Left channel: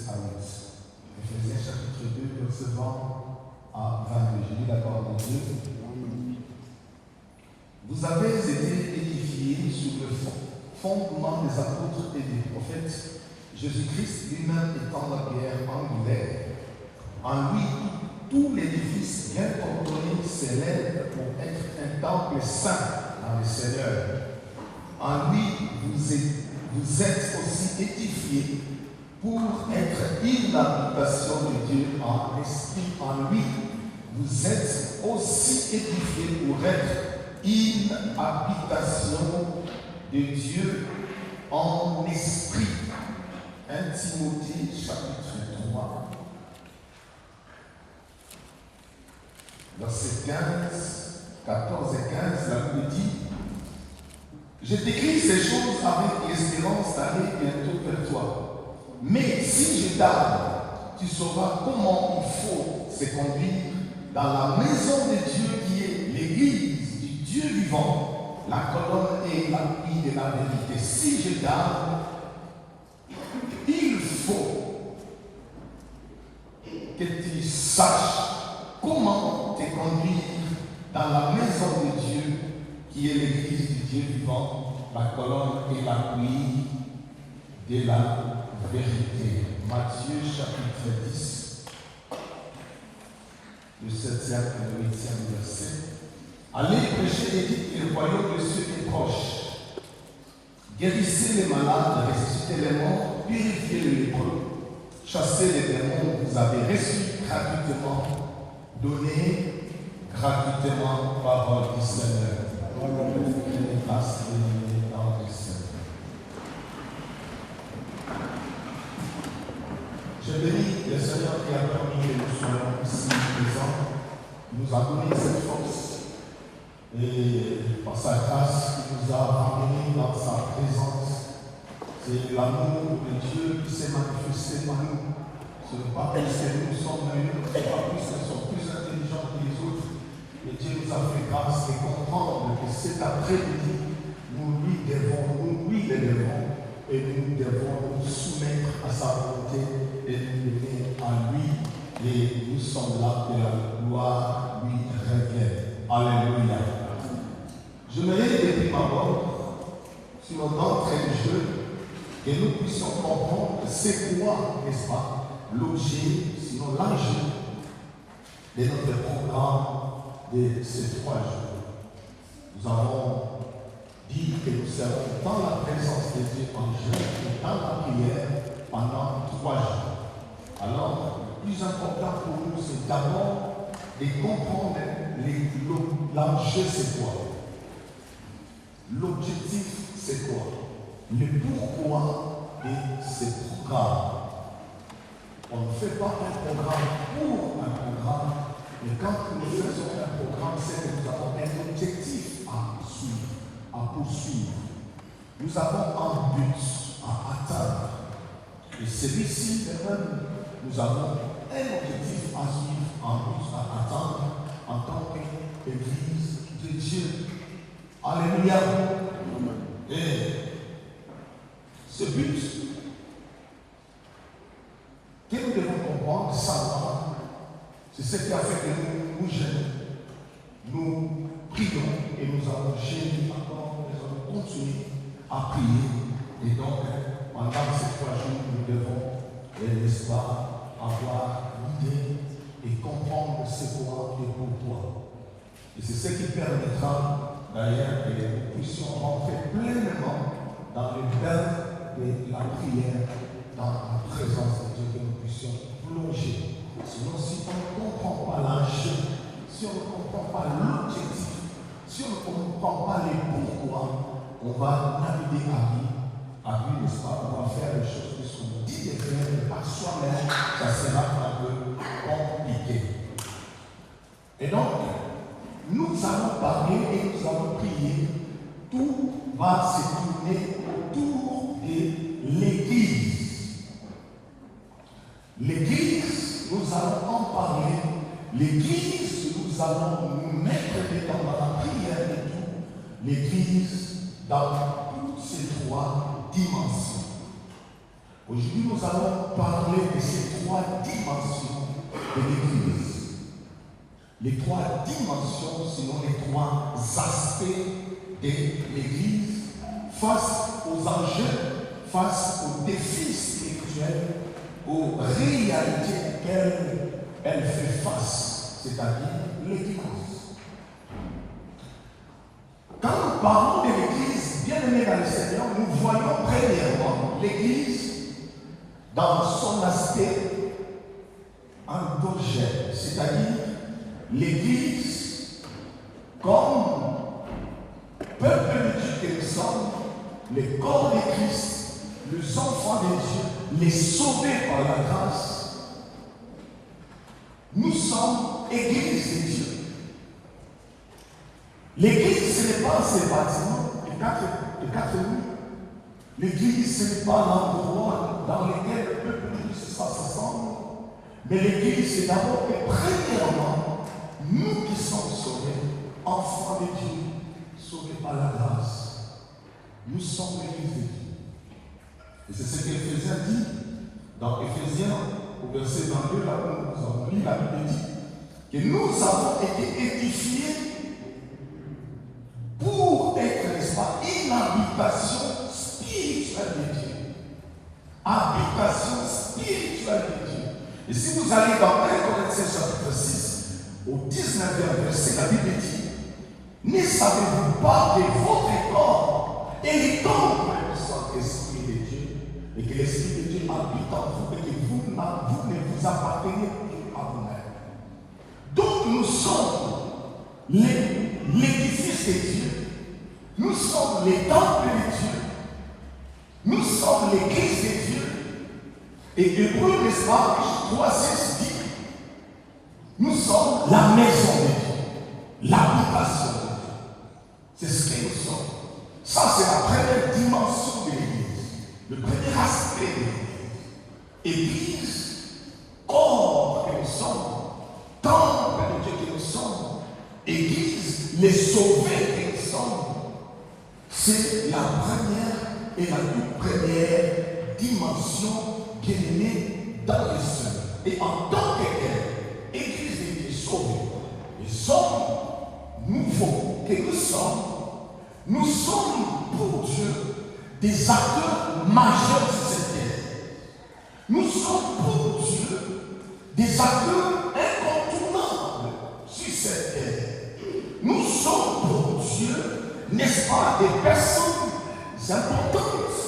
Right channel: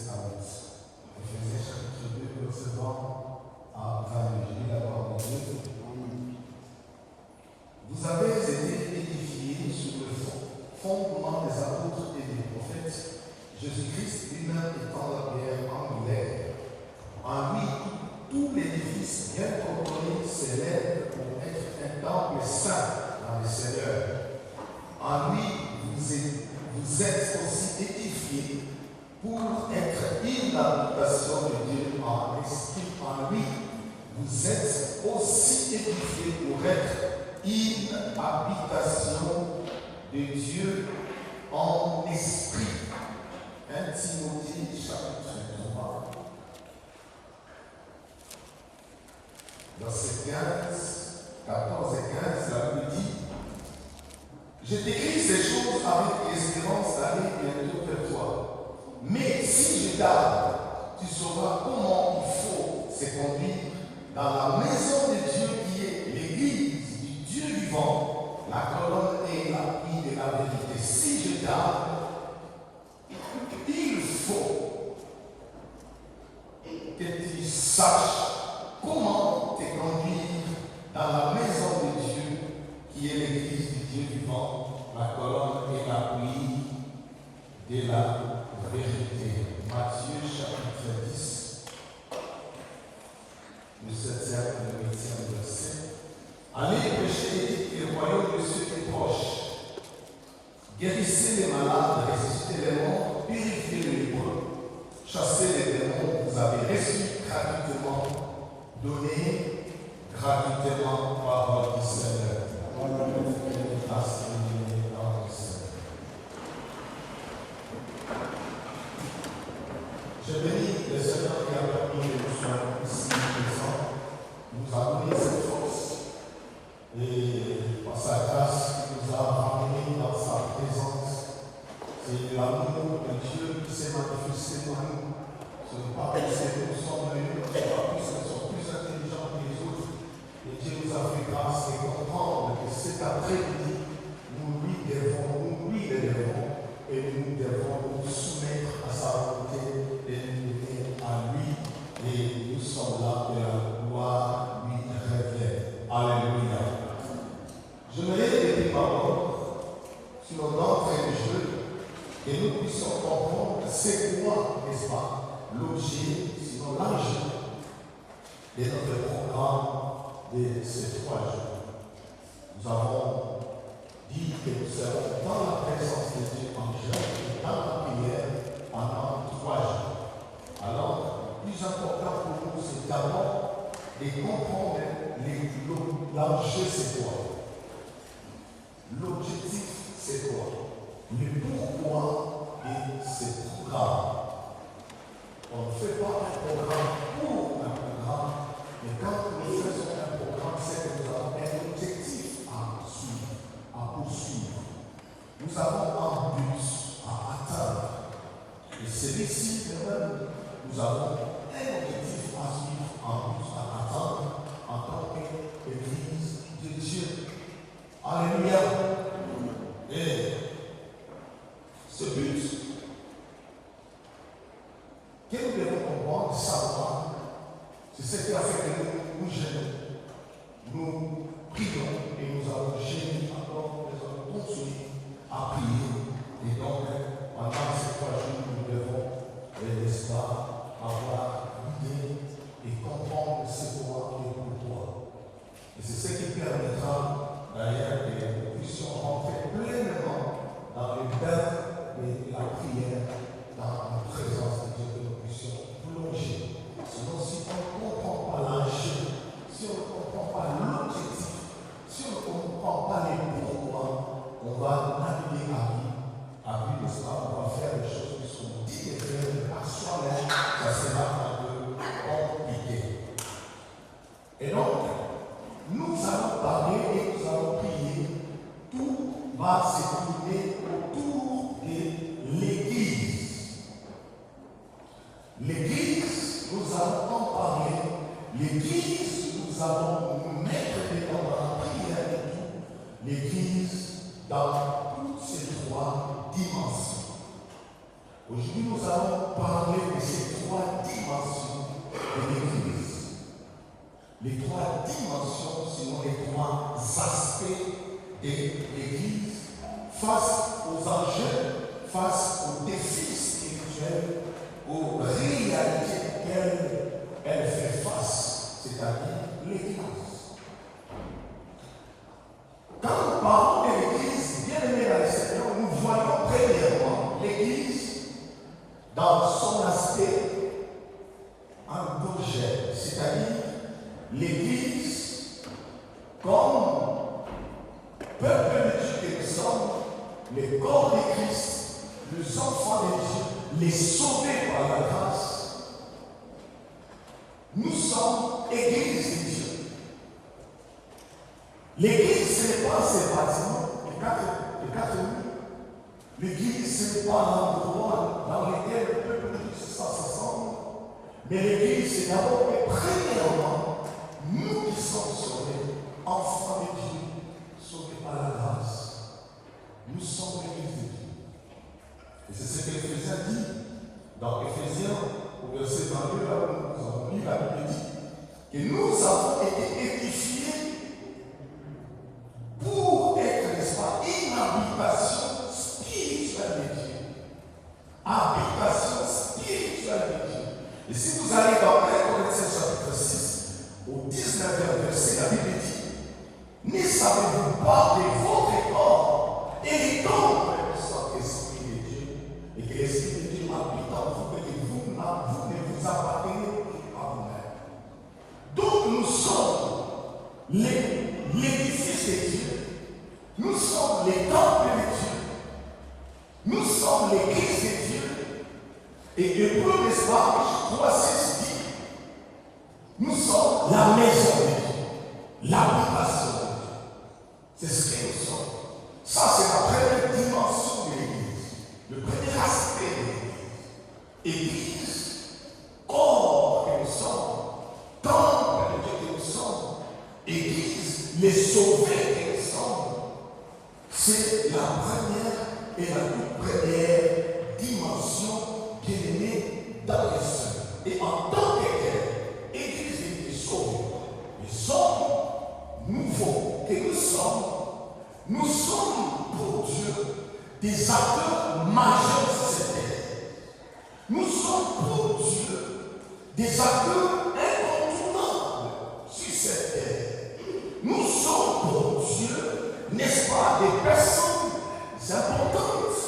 7 à 8. Éphésiens chapitre 2, verset 20 à 22. Je lis la parole de Dieu. Vous avez été édifiés sur le fondement des apôtres et des prophètes, Jésus-Christ lui-même étant la pierre angulaire. En lui, tout l'édifice bien ordonné s'élève pour être un temple saint dans le Seigneur. En lui, vous êtes aussi édifiés pour être une habitation de Dieu en esprit. En lui, vous êtes aussi édifiés pour être une habitation de Dieu en esprit. 1 Timothée chapitre 3, verset 15, 14 et 15, la Bible dit: je t'écris ces choses avec l'espérance d'aller bientôt vers toi. Mais si je tarde, tu sauras comment il faut se conduire dans la maison de Dieu qui est l'église du Dieu vivant, la colonne et l'appui de la vérité. Si je tarde, il faut que tu saches comment te conduire dans la maison de Dieu qui est l'église du Dieu vivant, la colonne et l'appui de la vérité. Matthieu chapitre 10, le 7e et le 8e verset. Allez prêcher et dites le royaume de Dieu est proche. Guérissez les malades, ressuscitez les morts, purifiez les lépreux, chassez les démons, vous avez reçu gratuitement, donnez gratuitement parole du Seigneur. Je bénis le Seigneur qui a permis que nous soyons ici présents, nous a donné cette force et par sa grâce qui nous a ramenés dans sa présence. C'est l'amour de Dieu qui s'est manifesté dans nous. Ce n'est pas parce que nous sommes venus, ce n'est pas parce que nous sommes plus intelligents que les autres. Et Dieu nous a fait grâce de comprendre que cet après-midi, nous lui le devons, et nous devons nous soumettre à sa volonté et nous devons à lui, et nous sommes là que la gloire lui révèle. Alléluia. Je me lève depuis ma mort, sur d'entrée de jeu, que nous puissions comprendre c'est quoi, n'est-ce pas, l'objet, sinon l'enjeu de notre programme de ces 3 jours. Nous avons dit que nous serons dans la présence de Dieu en jeûne et dans la prière pendant 3 jours. Alors, le plus important pour nous, c'est d'abord de comprendre l'enjeu, c'est quoi? L'objectif, c'est quoi? Le pourquoi de ce programme. On ne fait pas un programme pour un programme, mais quand nous faisons un programme, c'est que nous avons un objectif à poursuivre. Nous avons un but à atteindre. Et celui-ci, même, nous avons un objectif à suivre, un but à atteindre en tant qu'Église de Dieu. Alléluia. Et ce but que nous devons comprendre, savoir, c'est ce qui a fait que nous jeûnons, nous prions et nous avons jeûné encore, nous avons continué à prier. Et donc, pendant ces 3 jours, nous devons, n'est-ce pas, avoir l'idée et comprendre ce qu'on et pourquoi. Et c'est ce qui permettra d'ailleurs que nous puissions rentrer pleinement dans le bain de la prière, dans la présence de Dieu, que nous puissions plonger. Sinon, si on ne comprend pas l'enjeu, si on ne comprend pas l'objectif, si on ne comprend pas les pourquoi, on va naviguer à vue, n'est-ce pas? On va faire des choses qui sont dites de faire, mais par soi-même, ça sera un peu compliqué. Et donc, nous allons parler et nous allons prier. Tout va se tourner autour de l'Église. L'Église, nous allons en parler. L'Église, nous allons nous mettre dedans dans la prière de tout. L'Église, dans toutes ces 3 dimensions. Aujourd'hui, nous allons parler de ces trois dimensions de l'Église. Les trois dimensions, sinon les trois aspects de l'Église face aux enjeux, face aux défis spirituels, aux réalités auxquelles elle fait face, c'est-à-dire l'Église. Quand nous parlons de l'Église, bien aimée dans le Seigneur, nous voyons premièrement l'Église dans son aspect endogène, c'est-à-dire l'Église comme peuple de Dieu que nous sommes, le corps de Christ, les enfants de Dieu, les sauvés par la grâce. Nous sommes Église de Dieu. L'Église, ce n'est pas ces bâtiments de quatre murs. L'Église, ce n'est pas l'endroit dans lequel le peuple de Dieu s'assemble. Mais l'Église, c'est d'abord et premièrement nous qui sommes sauvés, enfants de Dieu, sauvés par la grâce. Nous sommes l'Église de Dieu. Et c'est ce qu'Éphésiens dit dans Éphésiens, au verset 22, là où nous avons lu la Bible dit que nous avons été édifiés pour être, n'est-ce pas, une habitation spirituelle de Dieu. Habitation spirituelle de Dieu. Et si vous allez dans 1 Corinthiens chapitre 6, au 19e verset, la Bible dit: ne savez-vous pas que votre corps est le temple du Saint-Esprit de Dieu, et que l'Esprit de Dieu habite en vous, et que vous ne vous appartenez plus à vous-même. Donc nous sommes l'édifice de Dieu, nous sommes les temples de Dieu, nous sommes l'Église de Dieu. Et Hébreu, n'est-ce pas, 3:6 dit: nous sommes la maison de Dieu, l'habitation de Dieu. C'est ce que nous sommes. Ça, c'est la première dimension de l'Église, le premier aspect de l'Église. Église, corps que nous sommes, temple de Dieu que nous sommes, Église, les sauvés que nous sommes. C'est la première et la toute première dimension bien-aimée dans le Seigneur. Et en tant que Église est sauvée, les hommes nouveaux que nous sommes pour Dieu des acteurs majeurs sur cette terre. Nous sommes pour Dieu des acteurs incontournables sur cette terre. Nous sommes pour Dieu, n'est-ce pas, des personnes importantes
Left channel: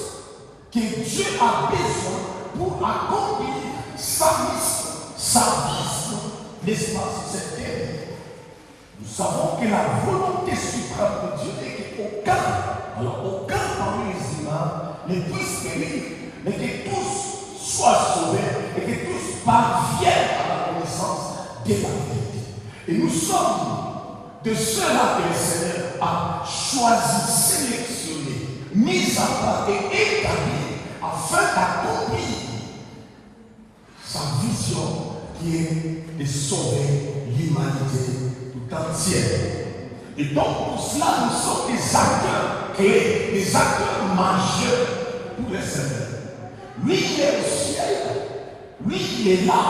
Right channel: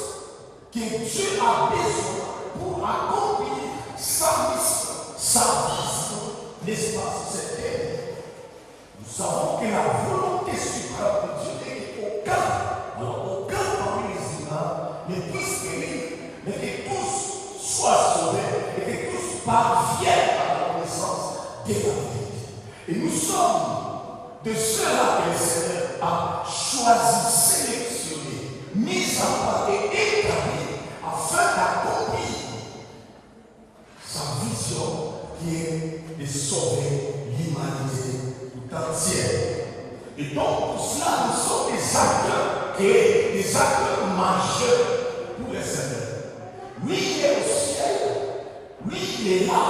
que Dieu a besoin pour accomplir sa mission, sa vision, n'est-ce pas, sur cette terre. Nous savons que la volonté suprême de Dieu est qu'aucun parmi les humains ne puisse périr, mais que tous soient sauvés et que tous parviennent à la connaissance de la vérité. Et nous sommes de ceux-là que le Seigneur a choisi, sélectionné, mis à part et établi afin d'accomplir sa vision qui est de sauver l'humanité tout entière. Et donc pour cela, nous sommes des acteurs clés, des acteurs majeurs pour le Seigneur. Lui, il est au ciel, lui, il est là,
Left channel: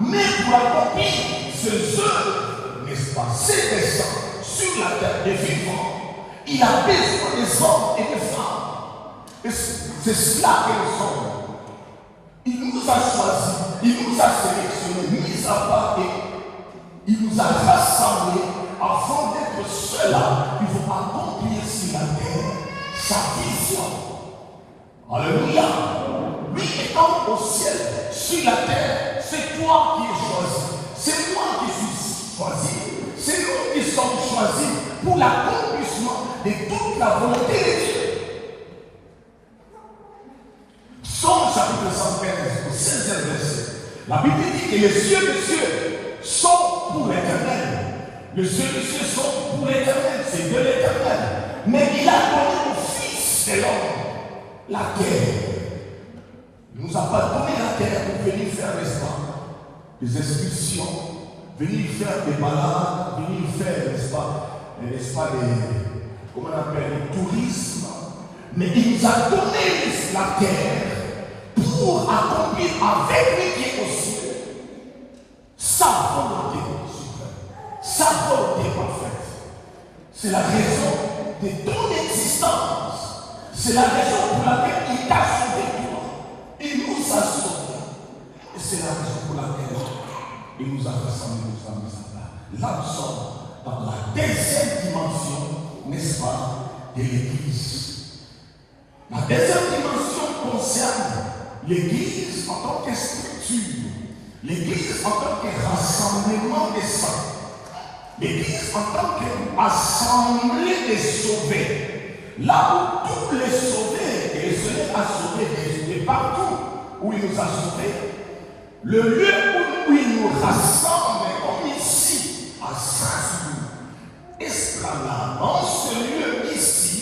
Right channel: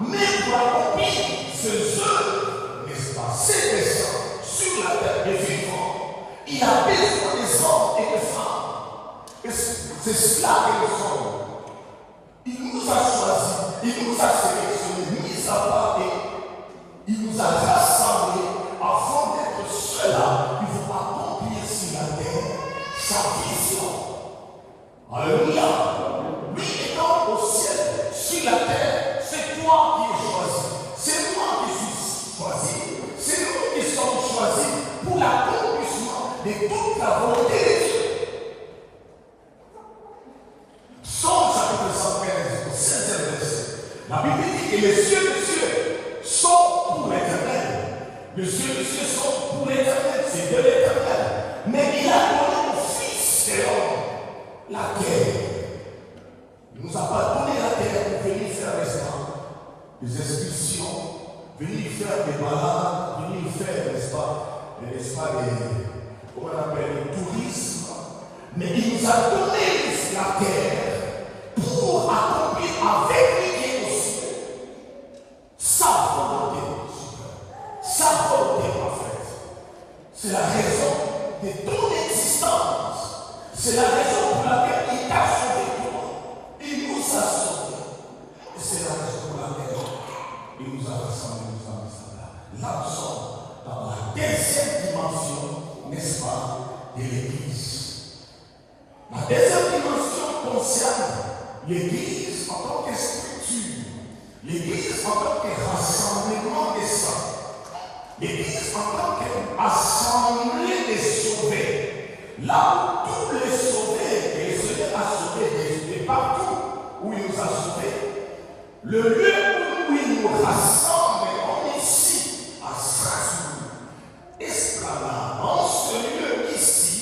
mais pour accomplir ses œuvres, n'est-ce pas, ses desseins sur la terre des vivants, il a besoin des hommes et des femmes. Et c'est cela que nous sommes. Il nous a choisis, il nous a sélectionnés, mis à part et il nous a rassemblés afin d'être ceux-là qui vont accomplir sur la terre sa vision. Alléluia. Lui étant au ciel, sur la terre, c'est toi qui es choisi. C'est moi qui suis choisi. C'est nous qui sommes choisis pour l'accomplissement de toute la volonté de Dieu. Psaume chapitre 115, au 16e verset. La Bible dit que les cieux des cieux sont pour l'Éternel. Les cieux des cieux sont pour l'Éternel, c'est de l'Éternel. Mais il a donné au Fils de l'homme la terre. Il ne nous a pas donné la terre pour venir faire, n'est-ce pas, des expulsions, venir faire des malades, venir faire, n'est-ce pas, des, comment on appelle, le tourisme. Mais il nous a donné la terre pour pour accomplir avec lui qui est au ciel sa volonté suprême, sa volonté parfaite. C'est la raison de ton existence. C'est la raison pour laquelle il t'a sauvé toi. Il nous a sauvés. Et c'est la raison pour laquelle il nous a rassemblés nous sommes ici. Là, nous sommes dans la deuxième dimension, n'est-ce pas, de l'Église. La deuxième dimension concerne l'Église en tant que structure, l'Église en tant que rassemblement des saints, l'Église en tant qu'assemblée des sauvés. Là où tous les sauvés, et le Seigneur a sauvé de partout où il nous a sauvés, le lieu où il nous rassemble, comme ici, à Strasbourg, Esplanade, dans ce lieu ici,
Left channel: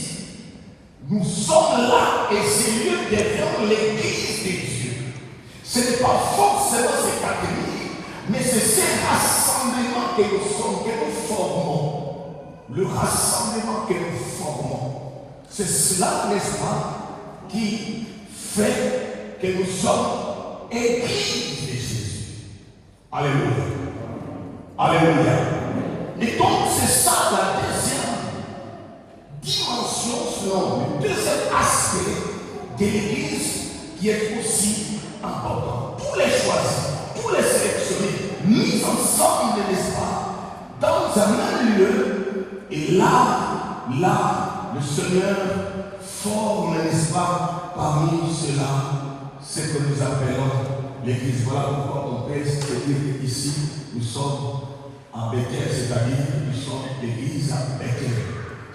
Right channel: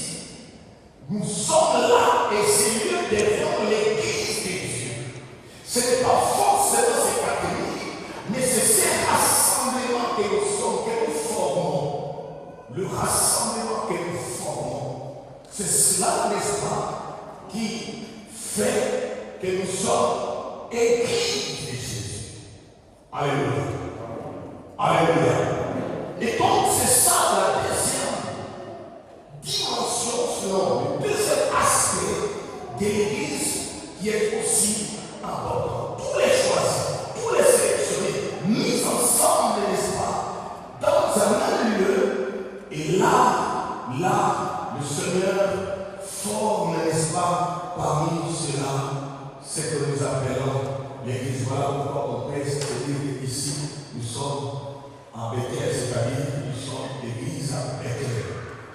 nous sommes là et ce lieu devient l'Église de Dieu. Ce n'est pas forcément ces catégories, mais c'est ces rassemblements que nous sommes, que nous formons. Le rassemblement que nous formons. C'est cela, n'est-ce pas, qui fait que nous sommes Église de Jésus. Alléluia. Alléluia. Et donc c'est ça la deuxième dimension, selon le deuxième aspect de l'Église qui est aussi important. Tous les choisis, tous les sélectionnés, mis ensemble, n'est-ce pas, dans un même lieu, et là, le Seigneur forme, n'est-ce pas, parmi cela, ce que nous appelons l'Église. Voilà pourquoi on peut se dire qu'ici, nous sommes en Bethel, c'est-à-dire nous sommes l'Église à Bethel.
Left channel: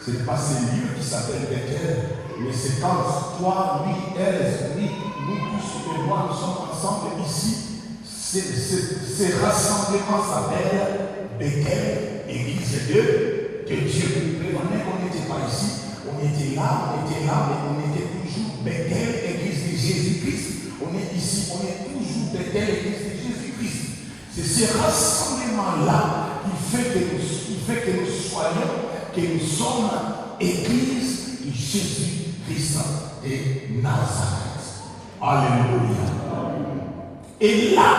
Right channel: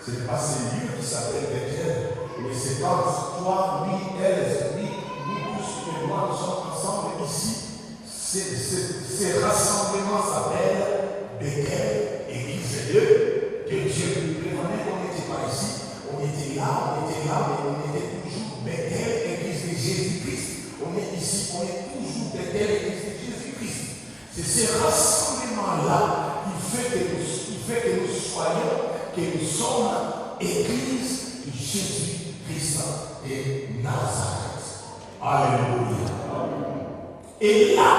Ce n'est pas ce lieu qui s'appelle Bethel, mais c'est quand toi, lui, elle, lui, nous tous et moi, nous sommes ensemble ici. Ces rassemblements s'appellent Bethel, Église de Dieu. On n'était pas ici, on était là, mais on était toujours Bethel, Église de Jésus-Christ. On est ici, on est toujours Bethel, Église de Jésus-Christ. C'est ces rassemblements-là qui fait que nous soyons, que nous sommes Église de Jésus-Christ de Nazareth. Alléluia. Et là,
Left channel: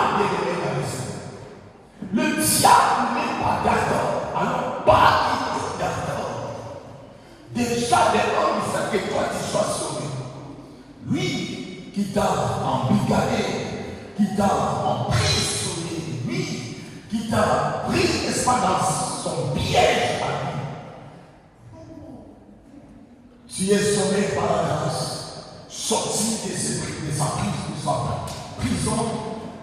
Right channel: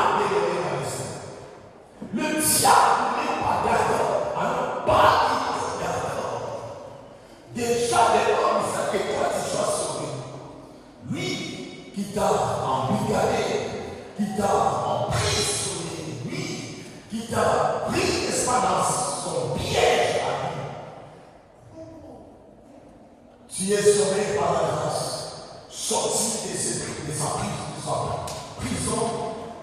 le diable n'est pas d'accord. Alors, pas du tout d'accord. Déjà, dépend du fait que toi tu sois sauvé. Lui qui t'a embrigadé, qui t'a emprisonné, lui qui t'a pris, n'est-ce pas, dans son piège à lui. Tu es sauvé par la grâce, sorti de sa prison,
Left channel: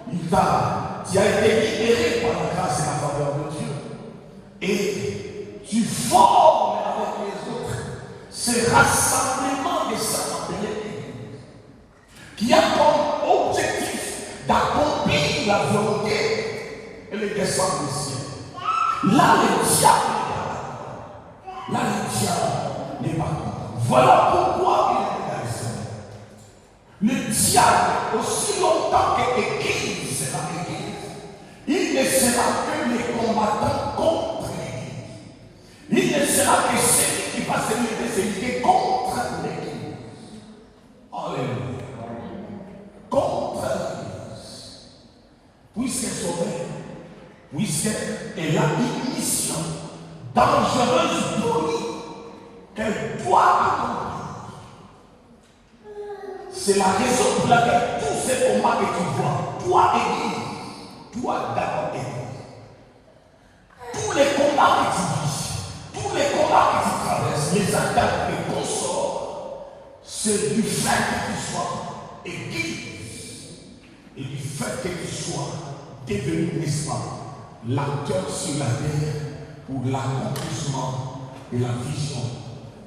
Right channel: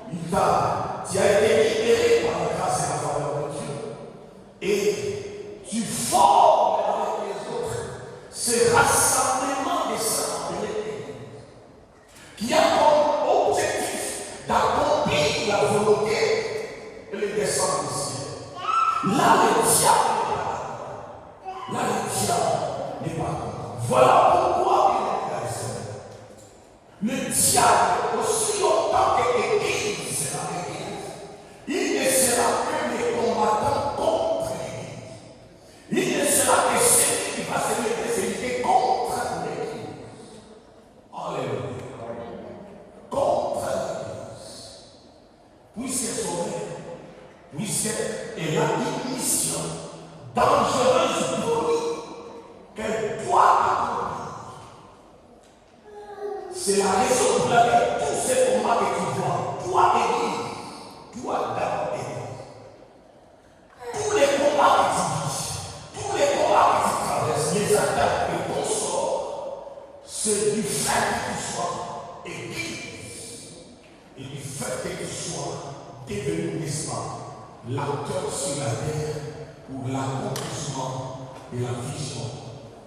tu as été libéré par la grâce et la faveur de Dieu. Et tu formes avec les autres ces rassemblements des saints appelés qui a comme objectif d'accomplir la volonté et le dessein du ciel. Là, le diable n'est pas content. Voilà pourquoi il est dans le Seigneur. Le diable, aussi longtemps que l'Église sera Église, il ne sera que les combattants contre l'Église. Il ne sera que celui qui va se lever contre l'Église. Alléluia. Contre l'Église. Puisqu'elle est sauvée, puisqu'elle a une mission dangereuse pour lui, qu'elle doit accomplir. C'est la raison pour laquelle tous ces combats que tu vois, toi Église, toi d'abord Église, tous les combats que tu vis, tous les combats que tu traverses, les attaques que tu sors, c'est du fait que tu sois Église et du fait que tu sois devenu, n'est-ce pas, l'acteur sur la terre pour l'accomplissement de la vision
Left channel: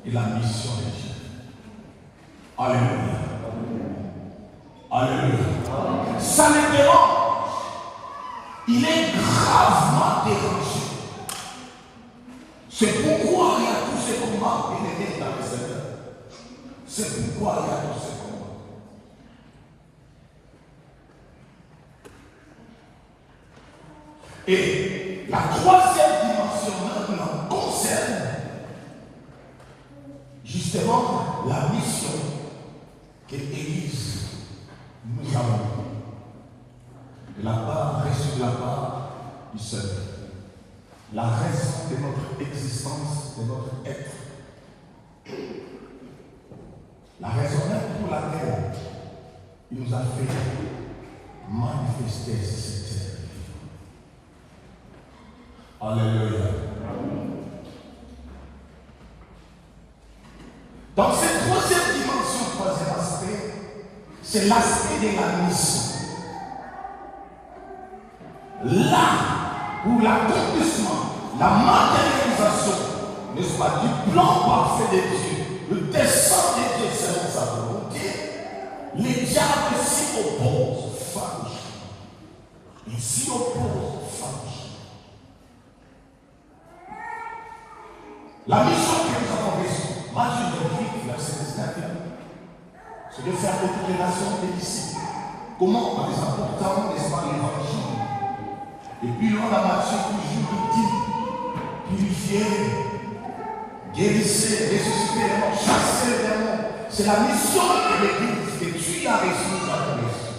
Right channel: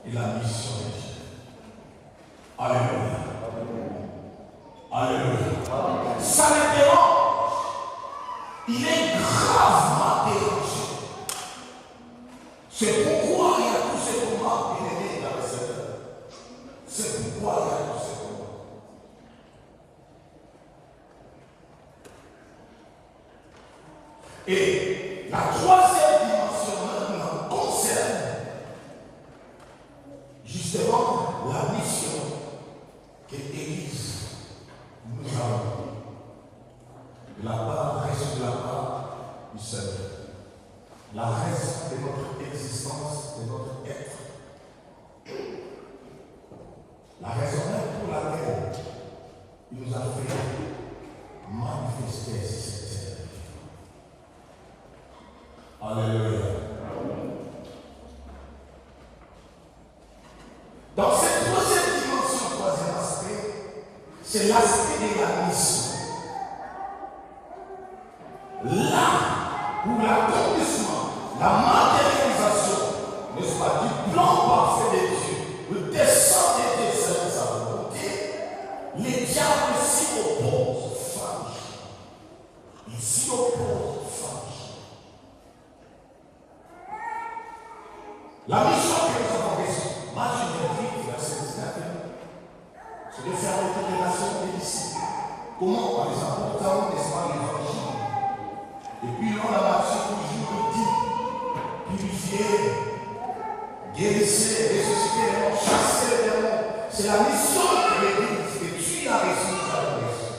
et la mission de Dieu. Alléluia. Alléluia. Ça le dérange. Il est gravement dérangé. C'est pourquoi il y a tous ces combats qui est dans le Seigneur. C'est pourquoi il y a tous ces combats. Et la troisième dimension maintenant concerne justement la mission que l'Église nous a Et la part reste de la part du Seigneur. La raison de notre existence, de notre être. La raison même pour laquelle il nous a fait manifester cette terre. Alléluia. Dans cette troisième dimension, troisième aspect, c'est l'aspect de la mission. Là où l'accomplissement, la matérialisation, n'est-ce pas, du plan parfait de Dieu, le dessein de Dieu selon sa volonté, les diables s'y opposent farouchement. Ils s'y opposent farouchement. La mission que nous avons reçue, Matthieu 28, verset 19, c'est de faire des révélations des disciples. Comment, par les importants, n'est-ce pas, l'évangile. Et puis l'on a Matthieu toujours dit, purifier, guérissez, ressusciter les morts, chasser les démons. C'est la mission de l'Église que tu as reçue dans la mission.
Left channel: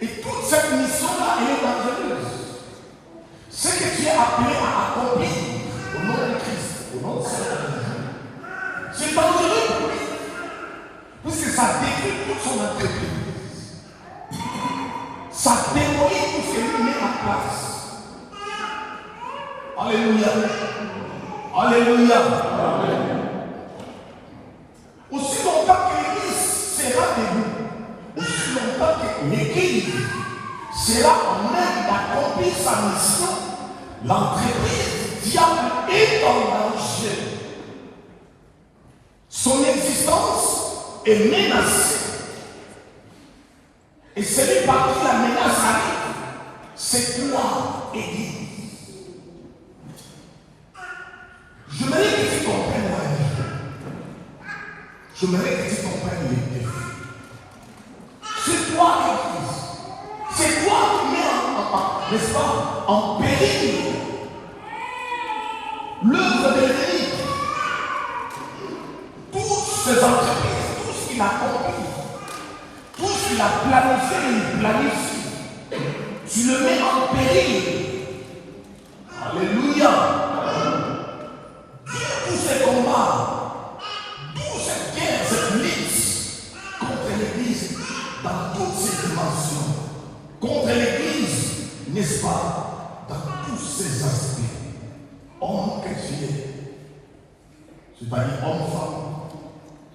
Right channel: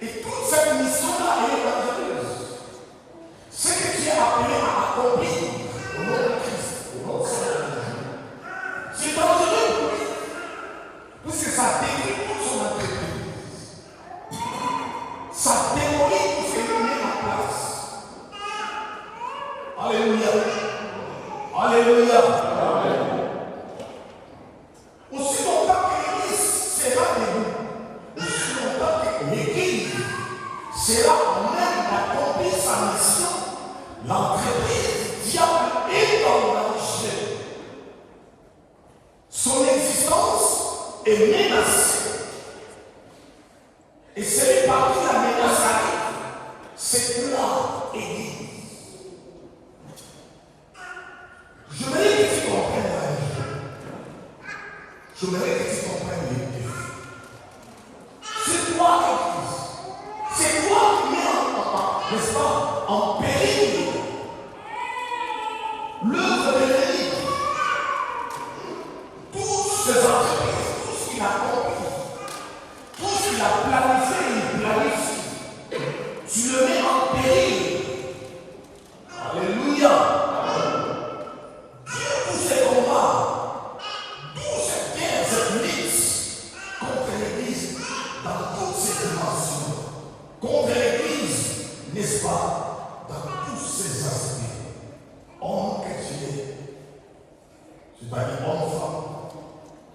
Et toute cette mission-là, elle est dangereuse. Ce que tu es appelé à accomplir au nom de Christ, au nom de Seigneur, c'est dangereux pour lui. Parce que ça détruit toute son entreprise. Ça démolit tout ce qui met en place. Alléluia. Alléluia. Amen. Aussi longtemps que l'Église sera debout, aussi longtemps que l'Église sera en même d'accomplir sa mission, l'entreprise du diable est en danger. Son existence est menacée. Et celui par qui la menace arrive, c'est toi, Église. Je voudrais que tu comprennes la vie. Je voudrais que tu comprennes les défis. C'est toi, Église. C'est toi qui mets n'est-ce pas, en péril l'œuvre de l'ennemi. Toutes ces entreprises, tout ce qu'il a compris, tout ce qu'il a planifié, il planifie. Tu le mets en péril. Alléluia. Tous ces combats, toute cette guerre, cette lutte contre l'Église dans toutes ses dimensions, contre l'Église, n'est-ce pas, dans tous ses aspects. Homme que tu es, c'est-à-dire homme-femme,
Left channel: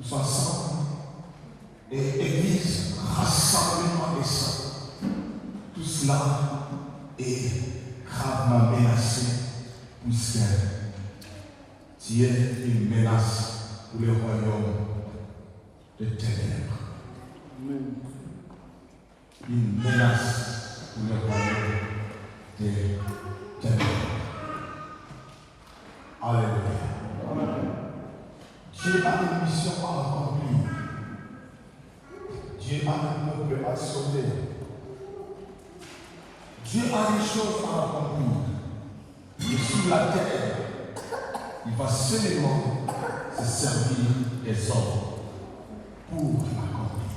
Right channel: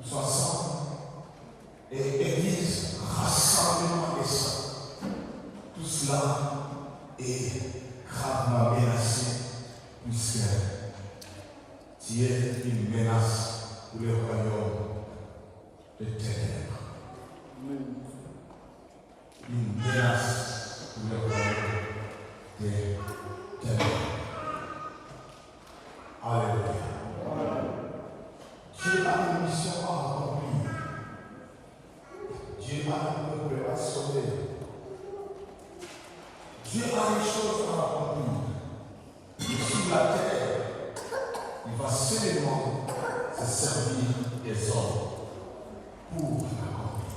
tous ensemble, et Église, rassemblement des saints. Tout cela est gravement menacé, puisque tu es une menace pour le royaume de ténèbres. Amen. Une menace pour le royaume de ténèbres. Alléluia. Dieu a une mission à accomplir. Dieu a un peuple à sauver. Dieu a des choses à accomplir. Mais sur la terre, il va seulement se servir des hommes pour l'accomplir.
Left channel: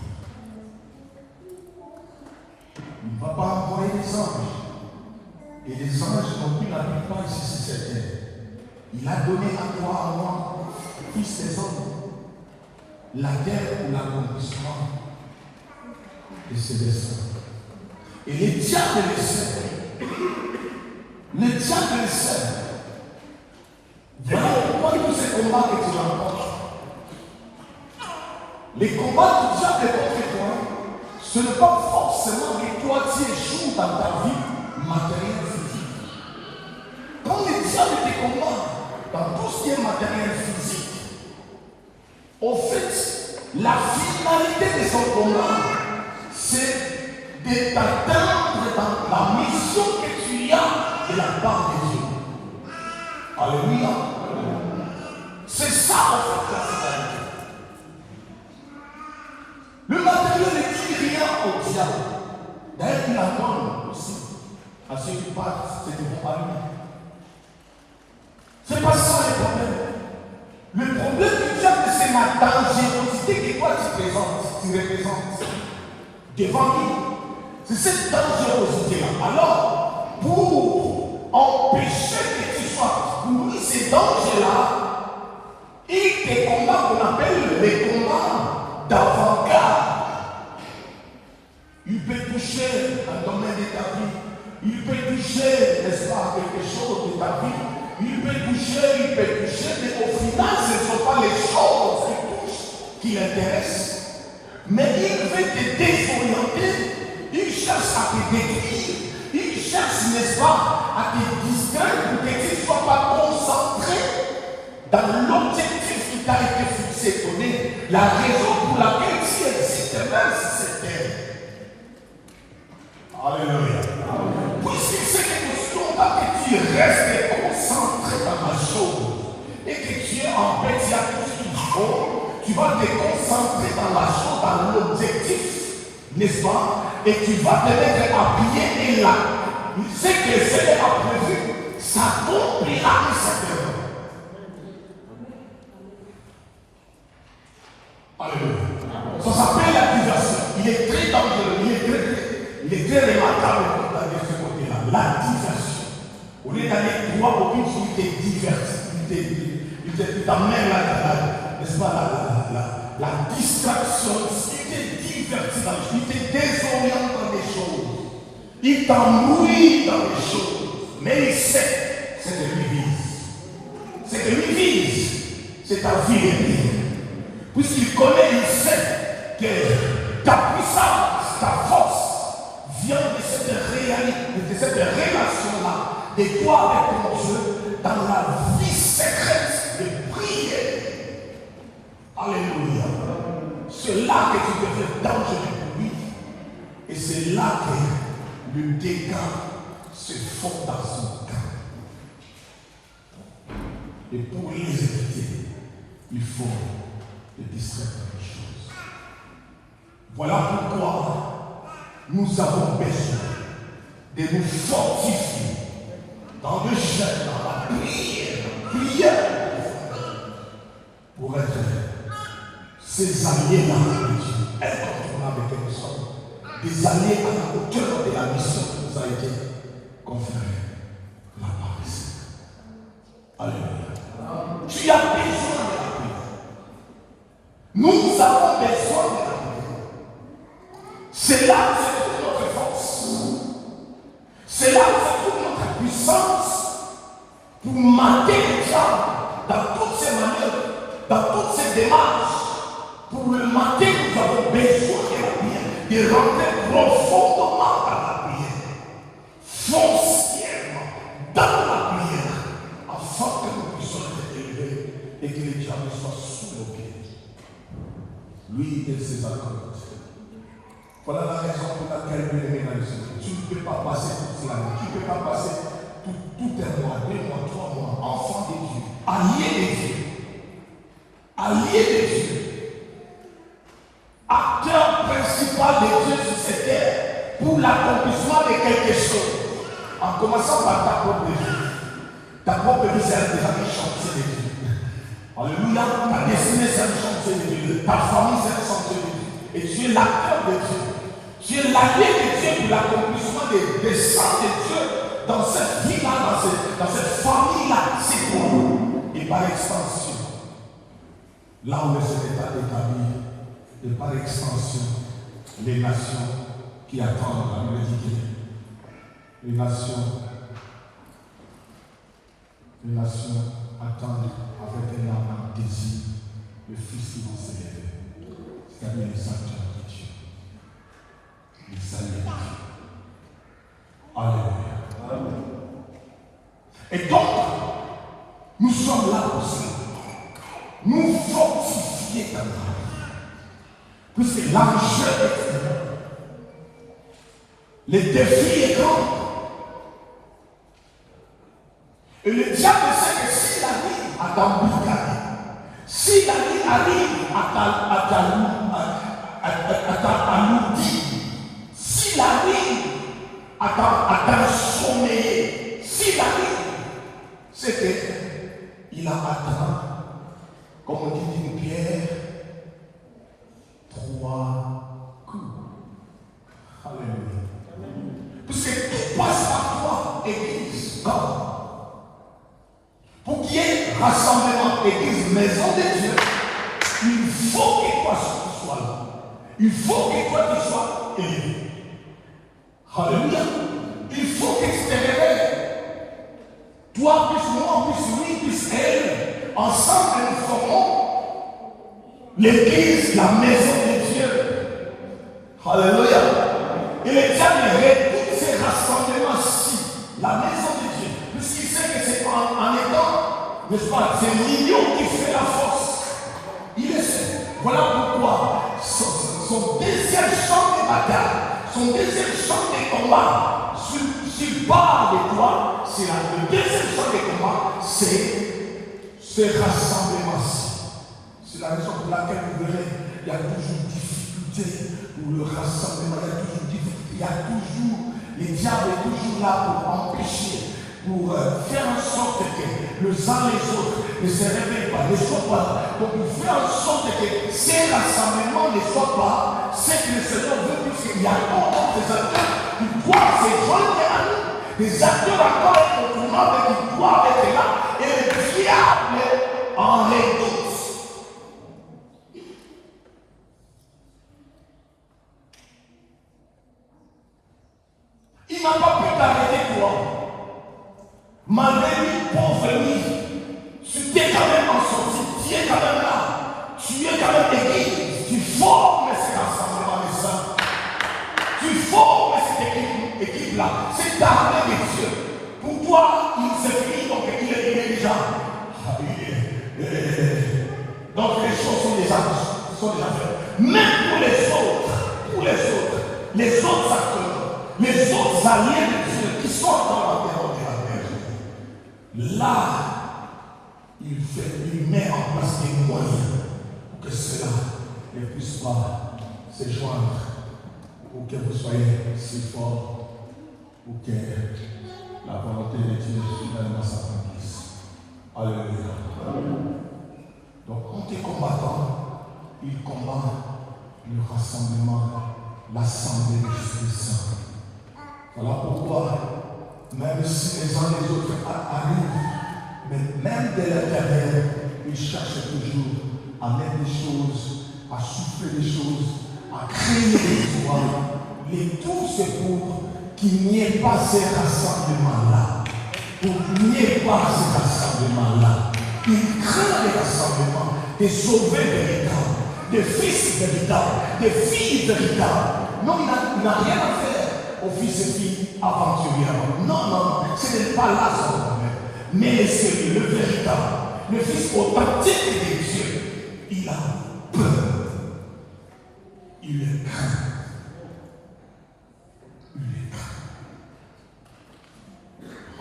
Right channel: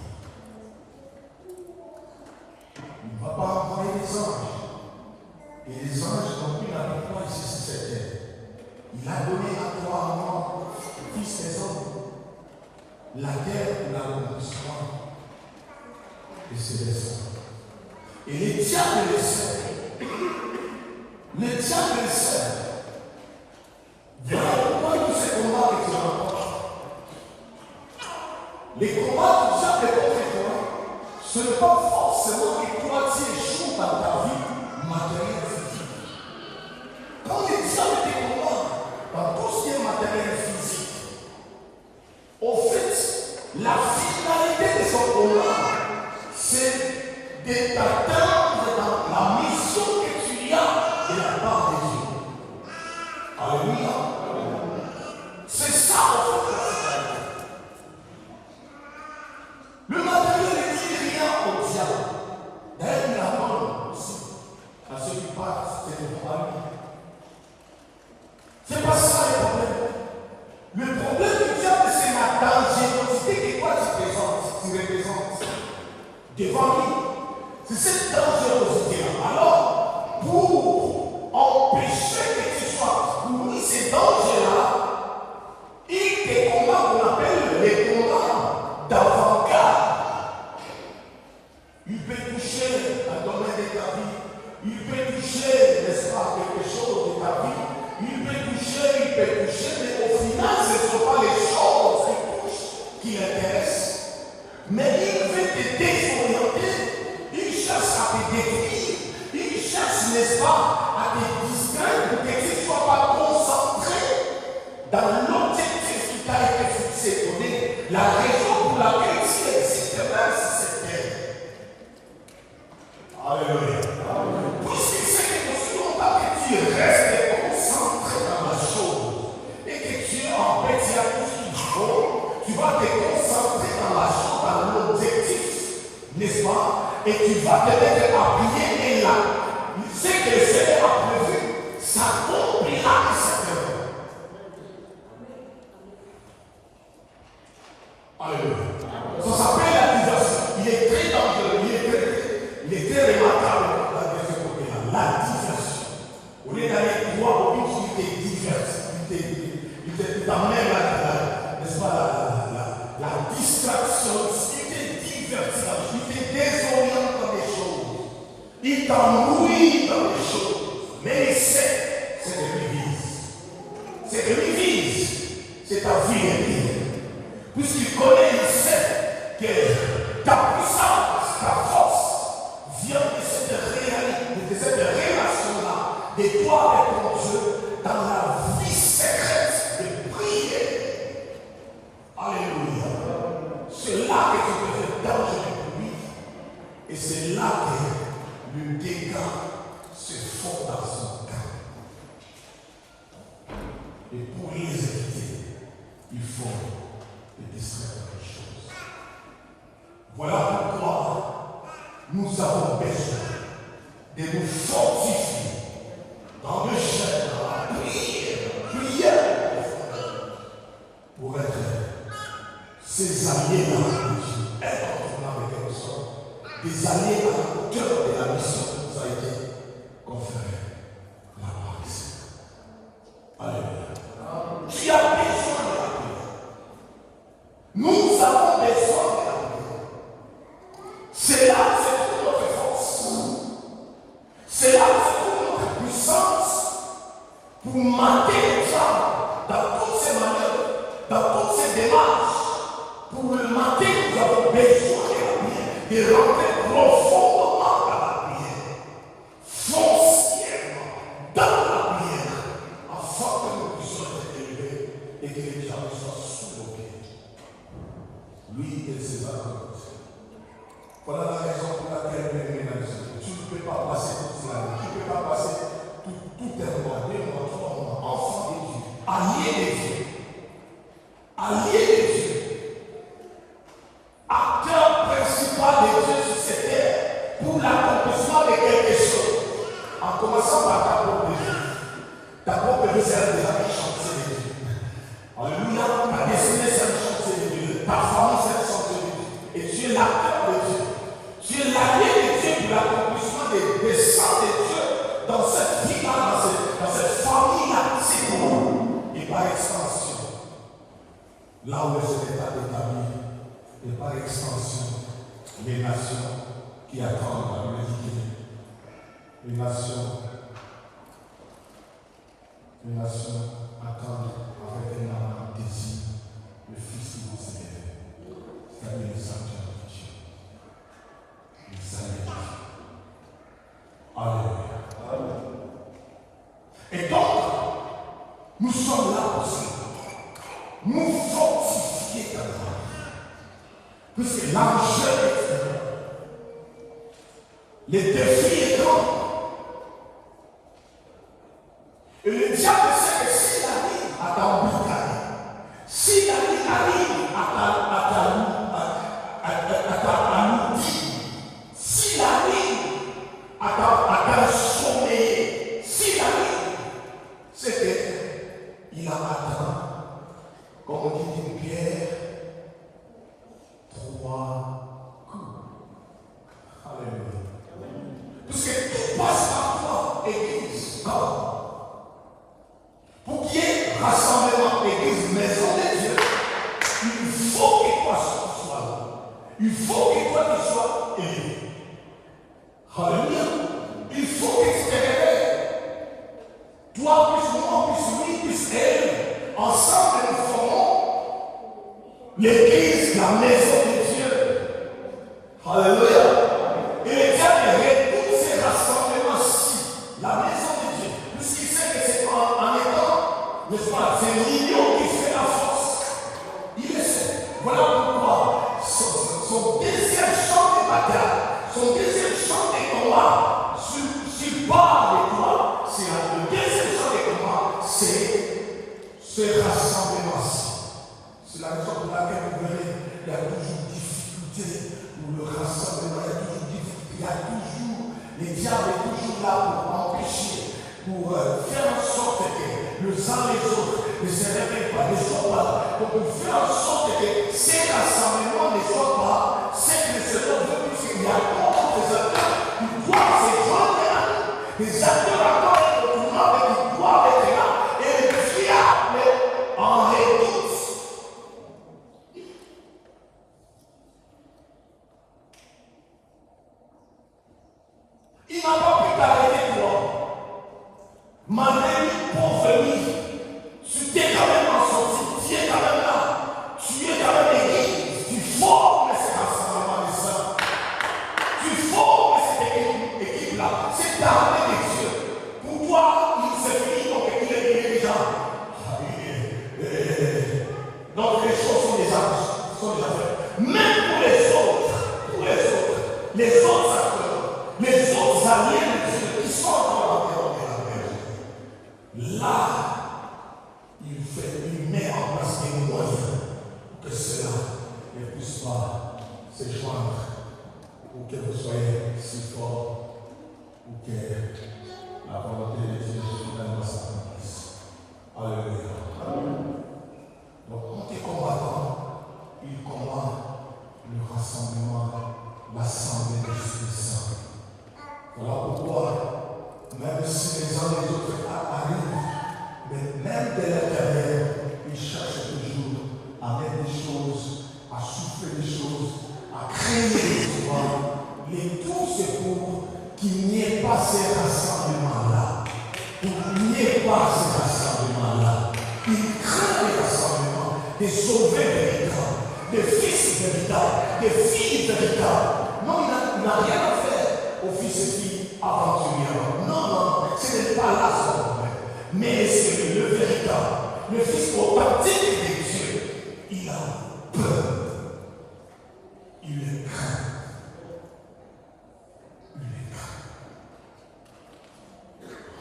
Il ne va pas envoyer des anges. Et les anges n'ont plus la pas ici sur cette terre. Il a donné à toi, à moi, fils des hommes, la terre pour l'accomplissement de ses desseins. Et les diables les servent. Les diables les servent. Voilà pourquoi tous ces combats que tu rencontres. Les combats du diable contre toi, ce n'est pas forcément que toi tu échoues dans ta vie matérielle physique. Quand les diables te combattent dans tout ce qui est matériel physique, au fait, la finalité de son combat, c'est de t'atteindre dans la mission que tu as de la part de Dieu. Alléluia. C'est ça en fait la finalité. Le matériel ne dit rien au diable. D'ailleurs, il attend aussi à ceux qui partent de devant à lui. C'est pas ça le problème. Le problème du diable, c'est la dangerosité que toi tu représentes devant lui. C'est cette dangerosité-là. Alors, pour empêcher que tu sois mis ces dangers-là, il des combats qu'on appelle les combats d'avant-garde. Il peut toucher un domaine de ta vie. Il peut toucher, n'est-ce pas, quelque chose de ta vie. Il peut toucher, mais au final, ce ne sont pas les choses qui touchent qui l'intéressent. Mais il veut te désorienter, il cherche à te détruire, il cherche, n'est-ce pas, à te distraire pour que tu ne sois pas concentré dans l'objectif qui t'a été fixé, donné, la raison pour laquelle tu existes même sur cette terre. Alléluia. Puisque c'est que tu restes concentré dans la chose et que tu es en paix, tu as tout ce qu'il faut, tu vas te concentrer dans la chose, dans l'objectif, n'est-ce pas? Et tu vas te mettre à prier et là, ce que le Seigneur a prévu, ça accomplira certainement. Alléluia. Ça s'appelle l'accusation. Il est très dangereux, il est très remarquable de ce côté-là. L'accusation. Au lieu d'aller droit au but, il te diverse, il t'amène n'est-ce pas, la distraction, il te divertit, il te désoriente dans des choses, il t'embrouille dans des choses, mais il sait, c'est que lui vise. C'est que lui vise, c'est ta vie. Puisqu'il connaît, il sait que ta puissance, ta force vient de cette réalité, de cette relation-là, de toi avec ton Dieu, dans la vie secrète de prier. Alléluia. C'est là que tu deviens dangereux pour lui. Et c'est là que le dégât se fond dans son cœur. Et pour les éviter, il faut les distraire dans les choses. Voilà pourquoi nous avons besoin de nous fortifier dans le jeûne, dans la prière, pour être ces alliés dans le Dieu, incontournables que nous sommes, des alliés à la hauteur de la mission qui nous a été conférée, la paresse. Alléluia. Tu as besoin de la prière. Nous avons besoin de la prière. C'est là que c'est toute notre force. C'est là que c'est toute notre puissance pour mater les gens dans toutes ces manières, dans toutes ces démarches. Pour le mater, nous avons besoin de la prière, de rentrer profondément dans la prière, foncièrement dans la prière, afin que nous puissions être élevés et que les diables soient sous nos pieds. Lui et ses accords. Voilà la raison pour laquelle tu ne peux pas passer toute la vie, tu ne peux pas passer tout un mois, 2 mois, 3 mois, enfant de Dieu, allié de Dieu, acteur principal de Dieu sur cette terre pour l'accomplissement de quelque chose. En commençant par ta propre vie. Ta propre vie, c'est déjà un chantier de Dieu. Alléluia. Ta destinée, c'est un chantier de Dieu. Ta famille, c'est un chantier de Dieu. Et tu es l'acteur de Dieu. Tu es l'allié de Dieu pour l'accomplissement des desseins de Dieu dans cette vie-là, dans cette famille-là. C'est tout. Et par extension, là où le Seigneur est établi, et par extension, les nations qui attendent la humanité, les nations attendent avec un énorme désir le Fils qui vont s'élever, c'est-à-dire les sanctuaires de Dieu, les alliés de Dieu. Alléluia. Amen. Et donc, nous sommes là aussi, nous fortifier dans la vie. Puisque l'enjeu est grand. Le défi est grand. Et le diable sait que s'il arrive à t'emboucaner, s'il arrive à t'alourdir, s'il arrive à t'assommer, s'il arrive, c'est qu'il a atteint, comme on dit une pierre, 3 coups. Alléluia. passe par toi, Église. Non. Pour qu'il y ait rassemblement, Église, maison de Dieu, il faut que toi tu sois là. Il faut que toi tu sois élevé. Alléluia. Il faut que tu te réveilles. Toi, plus moi, plus lui, plus elle. Ensemble, nous formons l'Église, la maison de Dieu. Alléluia. Et le diable réduit ces rassemblements-ci, la maison de Dieu, puisqu'il sait que c'est en étant, n'est-ce pas, c'est l'union qui fait la force. Il le sait. Voilà pourquoi son deuxième champ de bataille, son deuxième champ de combat, s'il part de toi, c'est le deuxième champ de combat, c'est ce rassemblement-ci. C'est la raison pour laquelle vous verrez, il y a toujours difficulté pour le rassemblement, il y a toujours difficulté, il y a toujours, le diable est toujours là pour empêcher, pour faire en sorte que les uns les autres ne se réveillent pas, ne soient pas là, pour faire en sorte que ces rassemblements ne soient pas ce que le Seigneur veut, puisqu'il y a encore des acteurs qui doivent se joindre à nous, des acteurs encore qui doivent être là, et le diable en est tous. Il n'a pas pu t'arrêter toi. Malgré lui, pauvre lui, tu t'es quand même en sortie, tu es quand même là. Tu es quand même église. Tu formes ce rassemblement des saints. Tu formes cette équipe-là. C'est l'armée de Dieu. Pour toi, il s'est fini, donc il est déjà. Donc les choses sont déjà faites. Même pour les autres acteurs. Les autres alliés de Dieu qui sont dans l'environnement de la terre, là, il met en place des moyens pour que cela ne puisse pas se joindre, pour que vous soyez si forts, pour que la volonté de Dieu finalement s'accomplisse. Alléluia. Donc, quand il est combattant, il combat le rassemblement, l'assemblée de l'Esprit Saint. Voilà pourquoi, même si les uns et les autres arrivent, mais même de l'intérieur, ils cherchent toujours à mettre des choses, à souffler des choses, à créer des joies. Les tout, c'est pour qu'il n'y ait pas ces rassemblements-là. Pour qu'il n'y ait pas ces rassemblements-là. Ils craignent les rassemblements des sauvés véritables, des fils véritables, des filles véritables. Non, il n'a rien à faire aux fils et filles aventuriers. Non, ce n'est pas là son problème. Mais c'est le véritable, le fils authentique de Dieu. Il a peur. Il est craint. Il est craint.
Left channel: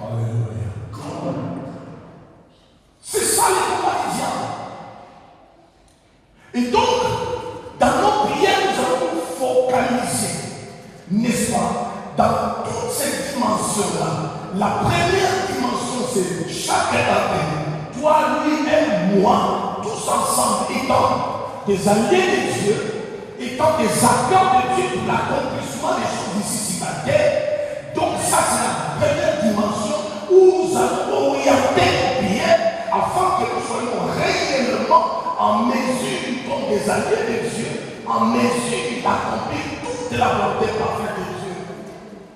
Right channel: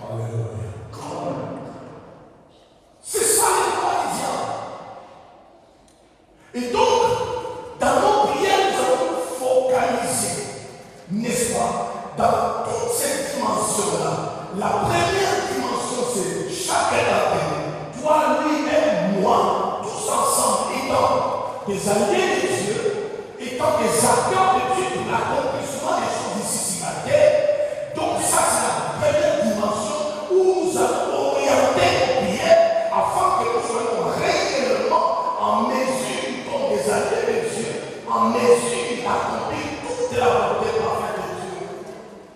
Alléluia. C'est ça les combats. Et donc, dans nos prières, nous allons focaliser, n'est-ce pas, dans toutes ces dimensions-là. La première dimension, c'est chacun d'entre nous, toi, lui et moi, tous ensemble, étant des alliés de Dieu, étant des acteurs de Dieu pour l'accomplissement des choses ici sur la terre. Donc ça, c'est la première dimension où nous allons orienter nos prières afin que nous soyons réellement en mesure, comme des alliés de Dieu, en mesure d'accomplir toute la volonté parfaite de Dieu.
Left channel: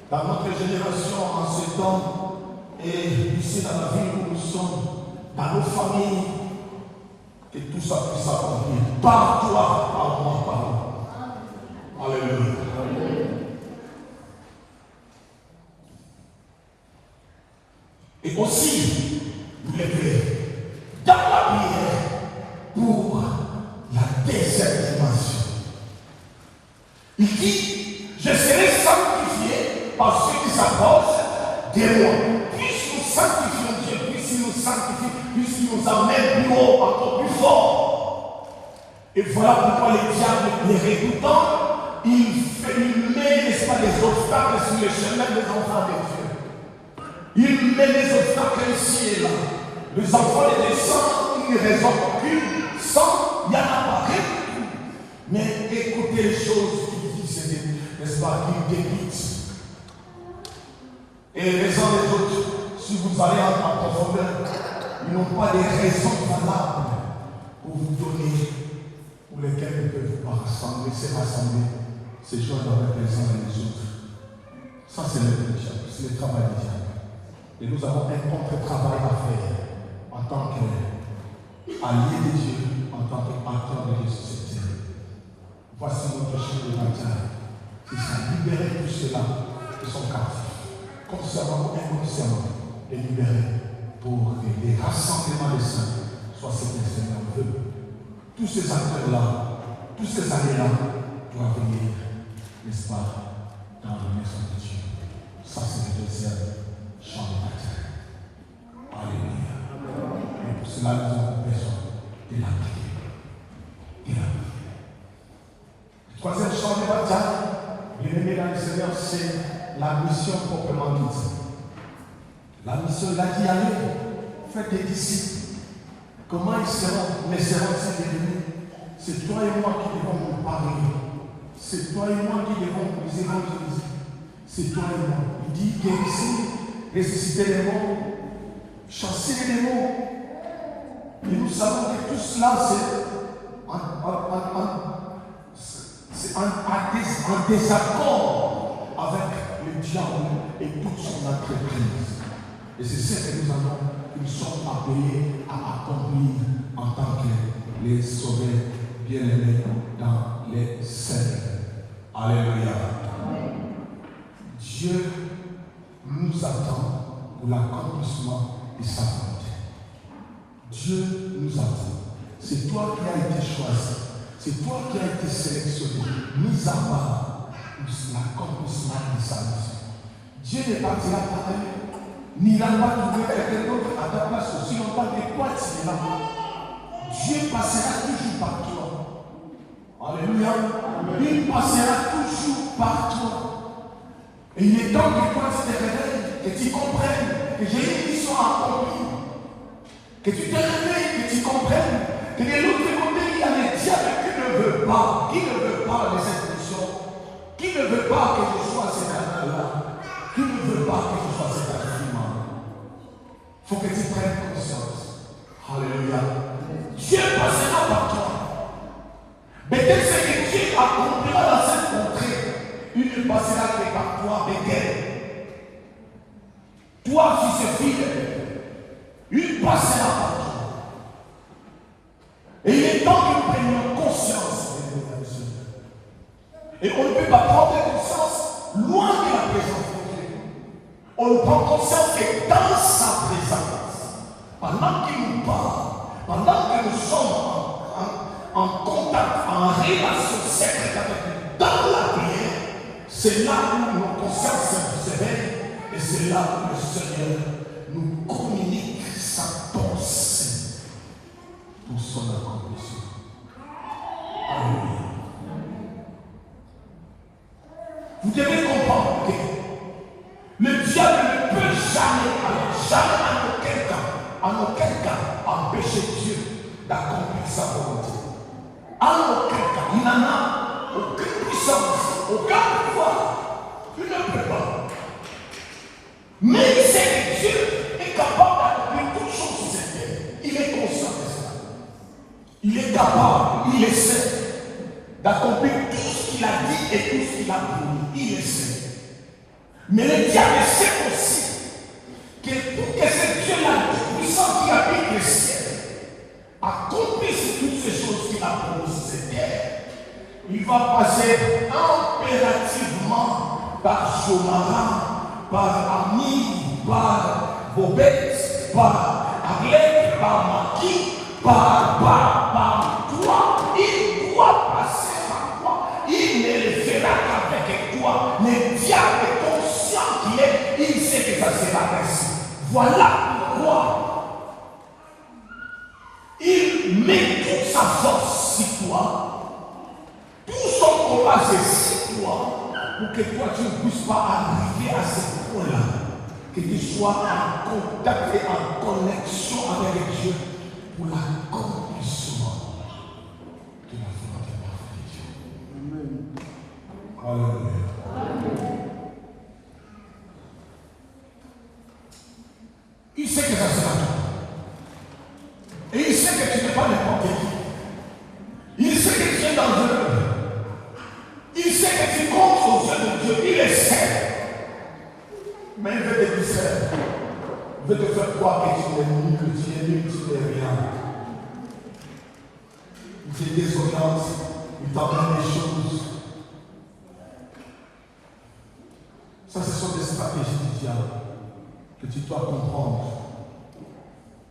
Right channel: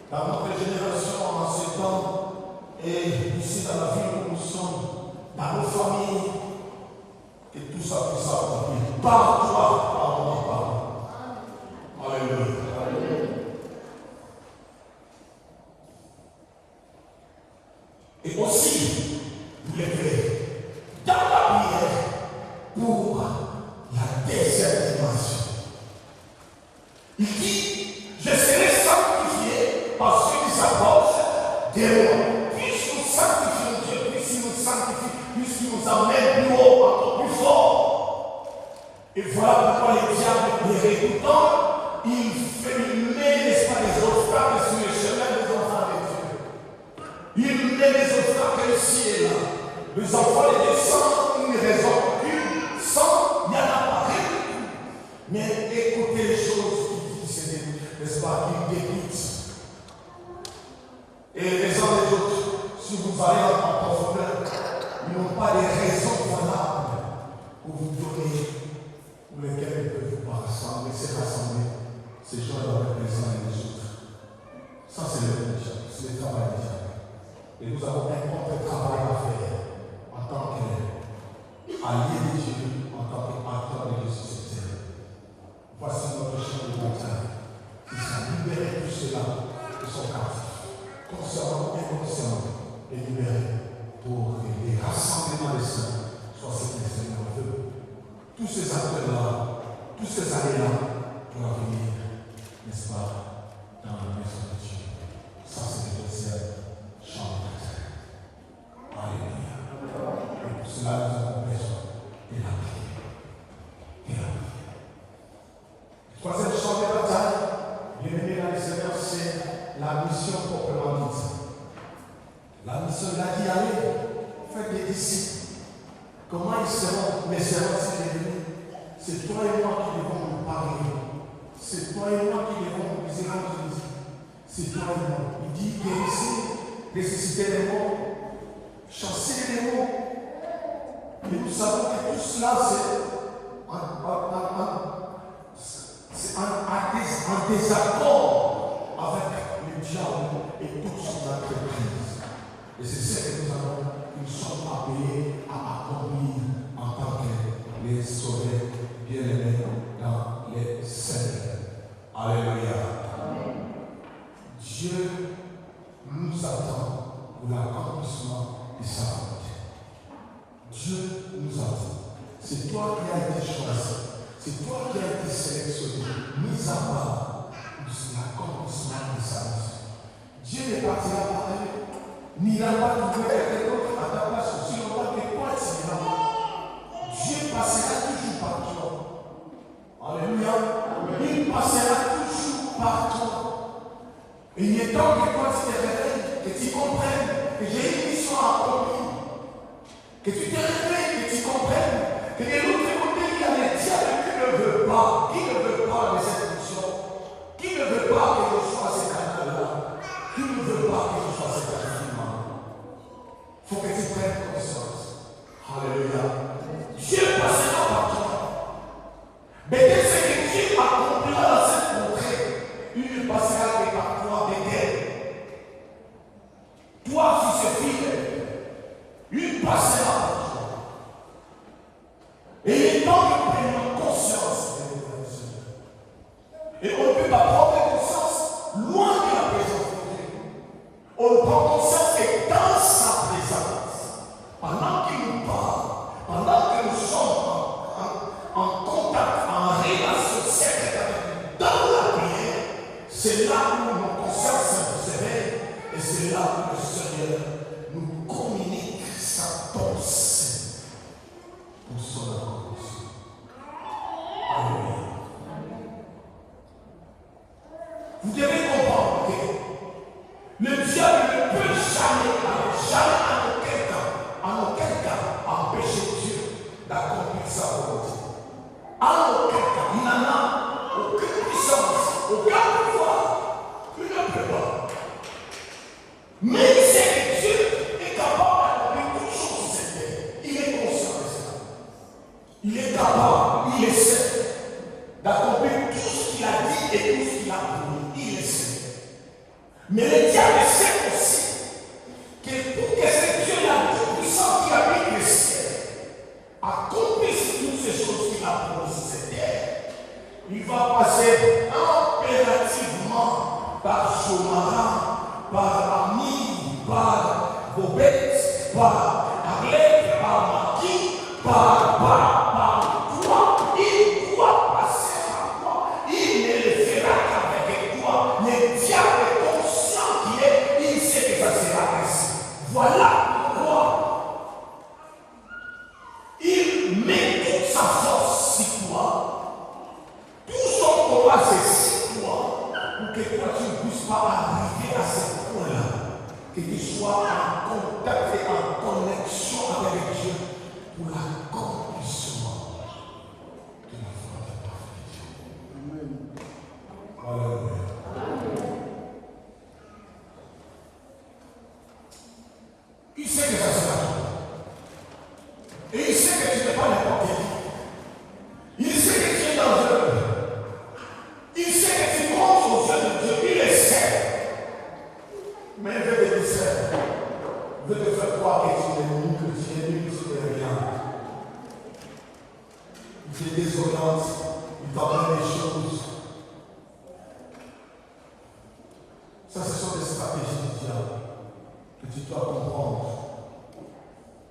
Dans notre génération, en ce temps, et ici dans la ville où nous sommes, dans nos familles, que tout ça puisse s'accomplir. Par toi, par moi, par moi. Alléluia. Et aussi, vous levez dans la prière pour la deuxième dimension. Il dit, je serai sanctifié par ceux qui s'approchent de moi. Puisse nous sanctifier Dieu, puisse nous sanctifier, puisse nous amener plus haut, encore plus fort. Et voilà pourquoi les diables, les régoutants, il met, n'est-ce pas, des obstacles sur le chemin des enfants de Dieu. Il met des obstacles ici et là. Les enfants de Dieu sans une raison, une, sans, il y en a pas. Mais écoutez les choses qu'il dit, c'est, n'est-ce pas, qu'il débite. Et les uns les autres, si vous allez en profondeur, ils n'ont pas des raisons valables pour vous donner, pour lesquelles ils ne peuvent pas rassembler, se rassembler, se joindre avec les uns et les autres. Ça, c'est le diable, c'est le travail du diable. Et nous avons un contre-travail à faire en tant qu'alliés de Dieu, en tant qu'acteurs de Dieu sur cette terre. Voici notre chien de bataille qui s'est libéré de ceux-là qui sont captifs. Consciemment ou inconsciemment, les libérer pour que les rassemblements des saints soient ce que le Seigneur veut. Tous ces acteurs-là, tous ces alliés-là doivent venir, n'est-ce pas, dans la maison de Dieu. Ça, c'est le deuxième champ de bataille. Alléluia. Et pour cela, nous avons besoin de la prière. De la prière. Le troisième champ de bataille, bien-aimé dans le Seigneur, c'est la mission proprement dite. La mission, il a dit allez, faites des disciples. Comment ils seront, les seront-ils devenus? C'est toi et moi qui devons nous parler. C'est toi et moi qui devons nous évangéliser. C'est toi et moi. Il dit guérissez, ressuscitez les morts, chassez les démons. Et nous savons que tout cela, c'est un désaccord avec le diable et toute son entreprise. Et c'est ce que nous sommes appelés à accomplir en tant que les sauvés bien-aimés dans les Seigneurs. Alléluia. Dieu nous attend pour l'accomplissement de sa volonté. Dieu nous attend. C'est toi qui as été choisi. C'est toi qui as été sélectionné, mis à part pour l'accomplissement de sa mission. Dieu n'est pas là pour t'aimer. Ni n'a pas trouvé quelqu'un d'autre à ta place aussi longtemps que toi tu es là. Dieu passera toujours par toi. Alléluia. Il passera toujours par toi. Et il est temps que toi tu te réveilles, que tu comprennes que j'ai une mission à accomplir. Que tu te réveilles, que tu comprennes que de l'autre côté il y a les diables qui ne veulent pas de cette mission. Qui ne veut pas que je sois ce canal-là. Qui ne veut pas que je sois ce canal-là. Il faut que tu prennes conscience. Alléluia. Dieu passera par toi. Mais dès que Dieu accomplira dans cette contrée, il ne passera que par toi, Bethel. Toi, fils et fille, il passera par toi. Et il est temps que nous prenions conscience. Et on ne peut pas prendre conscience loin de la présence de Dieu. On prend conscience que dans sa présence, pendant qu'il nous parle, pendant que nous sommes en contact, en relation secrète avec lui, dans la prière, c'est là où nos consciences se réveillent et c'est là où le Seigneur nous communique sa pensée pour son accomplissement. Alléluia. Vous devez comprendre que le diable ne peut jamais en aucun cas, empêcher Dieu d'accomplir sa volonté. En aucun cas, il n'en a aucune puissance, aucun pouvoir. Il ne peut pas. Mais il sait que Dieu est capable d'accomplir toutes choses sur cette terre. Il est conscient de ça. Il est capable, il essaie d'accomplir tout ce qu'il a dit et tout ce qu'il a promis. Il essaie. Mais le diable sait aussi que pour que ce Dieu-là, puissant qui a pris le ciel, accomplisse toutes ces choses qu'il a promis sur cette terre, il va passer impérativement par Jonathan, par Ami, par Bobette, par Aglette, par Maki, par toi. Il doit passer par toi. Il ne le fera qu'avec toi. Le diable est conscient qu'il est, il sait que ça sera ainsi. Voilà pourquoi il met toute sa force sur toi. Tout son combat c'est sur toi pour que toi tu ne puisses pas arriver à ce point-là. Que tu sois en contact et en connexion avec Dieu pour l'accomplissement de la volonté de Dieu. Amen. Alléluia. Il sait que ça sera toi. Et il sait que tu n'es pas n'importe qui. Il sait que tu es dangereux. Il sait que tu comptes aux yeux de Dieu. Il le sait. Mais il veut te distraire. Il veut te faire croire que tu es nul, que tu es nul, que tu n'es rien. Il fait des désobéissance. Il t'apprend des choses. Ça, ce sont des stratégies du diable que tu dois comprendre.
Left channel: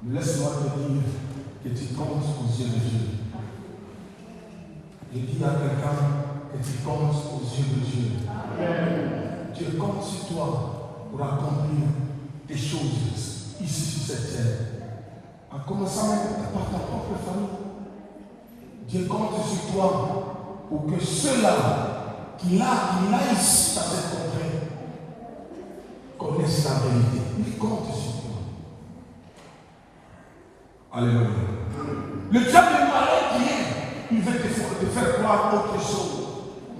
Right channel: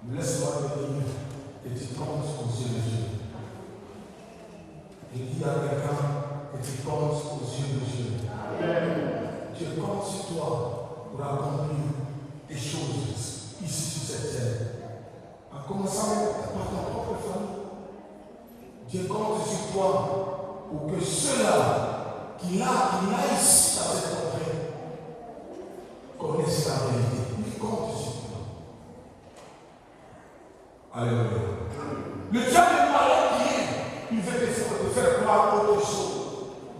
Laisse-moi te dire que tu comptes aux yeux de Dieu. Je dis à quelqu'un que tu comptes aux yeux de Dieu. Dieu compte sur toi pour accomplir des choses ici sur cette terre. En commençant même par ta propre famille. Dieu compte sur toi pour que ceux-là qui là ici dans cette contrée connaissent la vérité. Il compte sur toi. Alléluia. Le diable est malin qui est. Il veut te faire croire autre chose.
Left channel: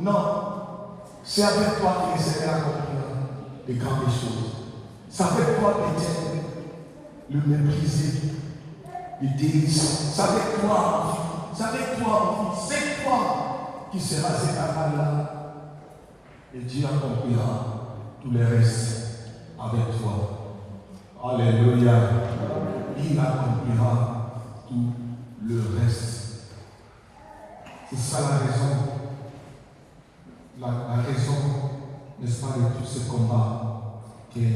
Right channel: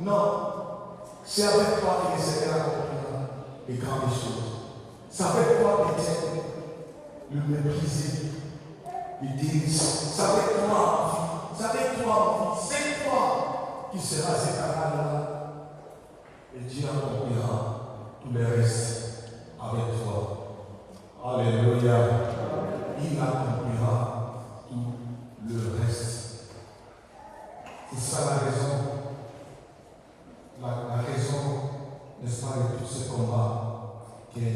Non. C'est avec toi que le Seigneur accomplira les grandes choses. C'est avec toi peut-être le mépriser, le délaisser. C'est avec toi, c'est avec toi, c'est toi qui sera cet aval-là. Et Dieu accomplira tout le reste avec toi. Alléluia. Il accomplira tout le reste. C'est ça la raison. La raison, n'est-ce pas, de tout ce combat que tu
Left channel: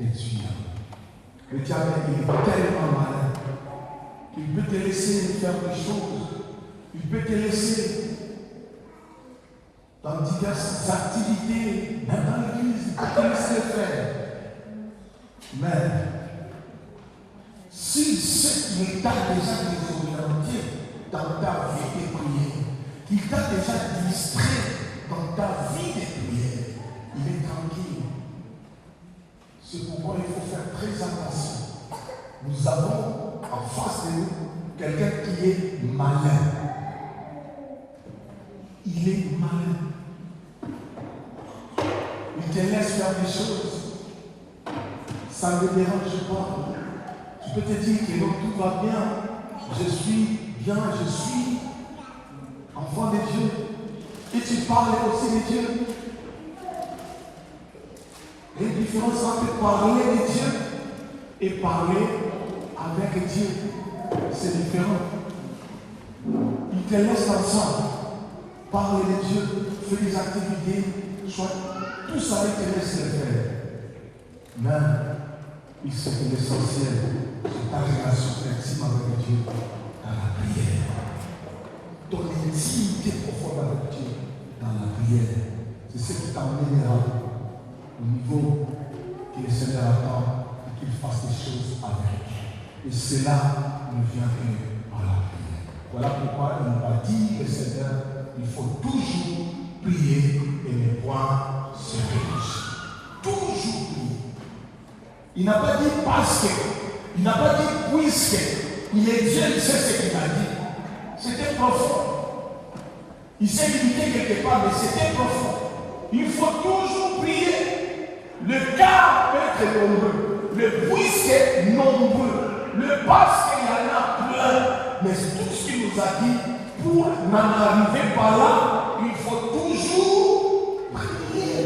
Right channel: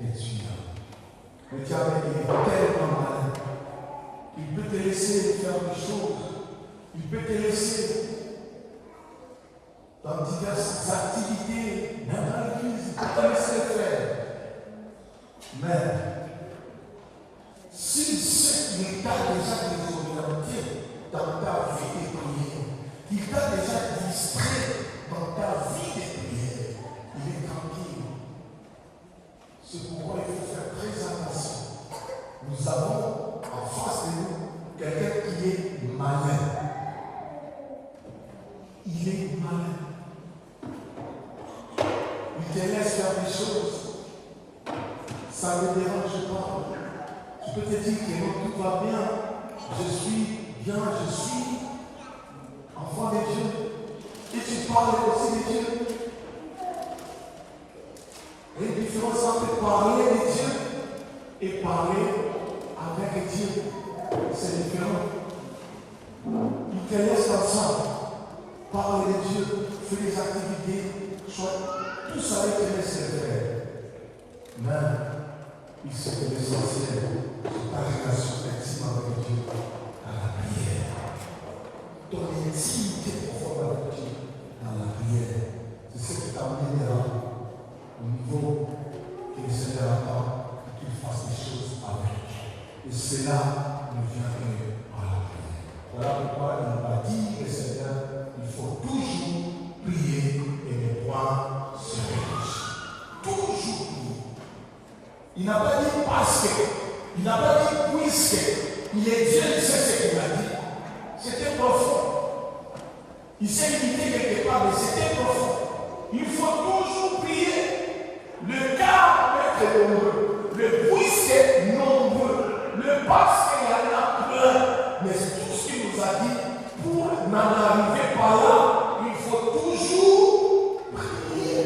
as. Le diable il est tellement malin. Il peut te laisser faire des choses. Il peut te laisser dans diverses activités, même dans l'église, il peut te laisser faire. Mais si c'est l'état déjà désorienté dans ta vie de prière, il t'a déjà distrait dans ta vie de prière, il est tranquille. C'est pourquoi il faut faire très attention. Nous avons en face de nous quelqu'un qui est malin. Il est malin. Il te laisse faire des choses. Ça ne le dérange pas. Tu peux te dire que non, tout va bien. Je suis bien, je suis enfant de Dieu. Et tu parles aussi de Dieu. Et la différence entre parler de Dieu et parler avec Dieu, c'est différent. Il te laisse ensemble. Parler de Dieu, faire des activités, tout ça, il te laisse le faire. Mais il sait que l'essentiel, c'est ta relation intime avec Dieu dans la prière. Ton intimité profonde avec Dieu dans la prière. C'est ce qui t'amènera au niveau que le Seigneur attend pour qu'il fasse des choses avec. Et cela ne vient que par la prière. Voilà pourquoi il va dire le Seigneur, il faut toujours prier et ne point se réfugier. Toujours prier. Il n'a pas dit parce que, il n'a pas dit puisque, il est Dieu, il sait ce qu'il a dit. C'était profond. Il s'est limité quelque part, mais c'était profond. Il faut toujours prier. Le cas peut être nombreux. Le puisque nombreux. Le parce qu'il y en a plein. Mais tout ce qu'il nous a dit, pour n'en arriver pas là, il faut toujours prier.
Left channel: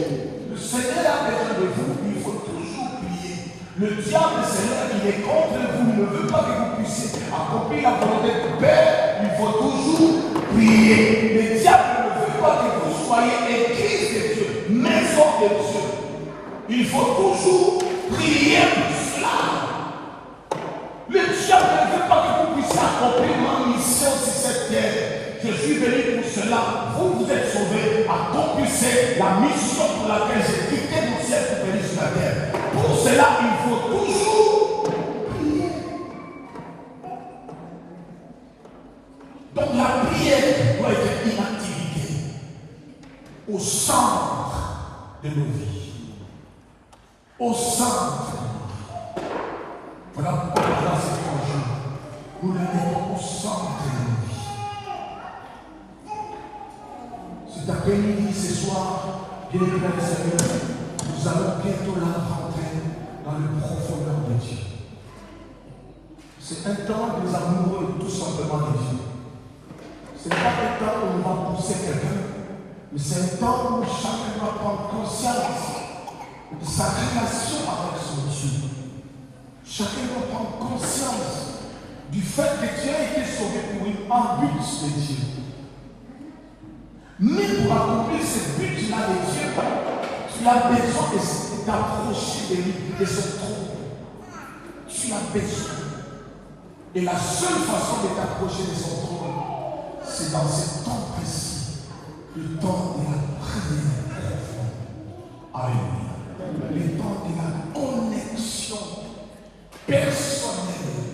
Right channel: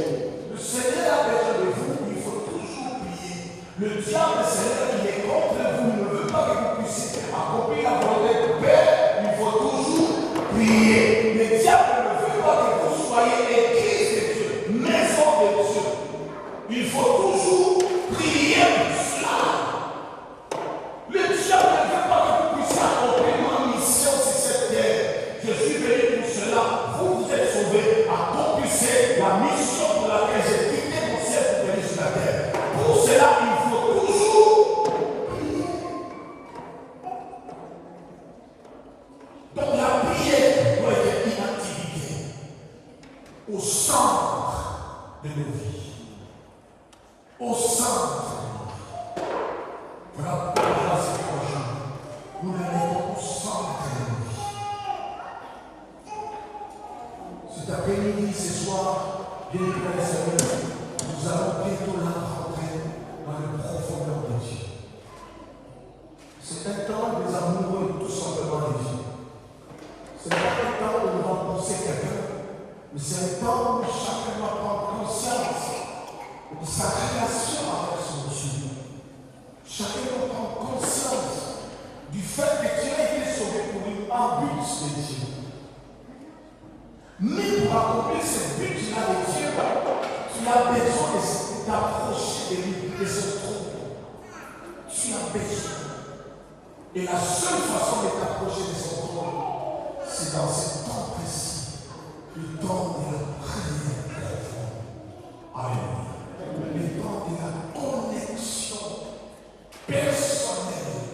Le Seigneur a besoin de vous, il faut toujours prier. Le diable, Seigneur, il est contre vous, il ne veut pas que vous puissiez accomplir la volonté de Père, il faut toujours prier. Le diable ne veut pas que vous soyez église de Dieu, maison de Dieu. Il faut toujours prier pour cela. Le diable ne veut pas que vous puissiez accomplir ma mission sur cette terre. Je suis venu pour cela. Vous, vous êtes sauvés. Accomplissez la mission pour laquelle j'ai quitté mon ciel pour venir sur la terre. Pour cela, il faut toujours prier. Donc la prière doit être une activité au centre de nos vies. Au centre. Voilà pourquoi dans ces 3 jours, nous l'avons au centre de nos vies. Cet après-midi, ce soir, bien évidemment, Seigneur, nous allons bientôt là rentrer dans le profondeur de Mais c'est un temps où chacun doit prendre conscience de sa relation avec son Dieu. Chacun doit prendre conscience du fait que tu as été sauvé pour un but de Dieu. Mais pour accomplir ce but-là de Dieu, tu as besoin de t'approcher de lui, de son trône. Tu as besoin. Et la seule façon de t'approcher de son trône, c'est dans ce temps précis, le temps de la prière. Amen. Le temps de la connexion personnelle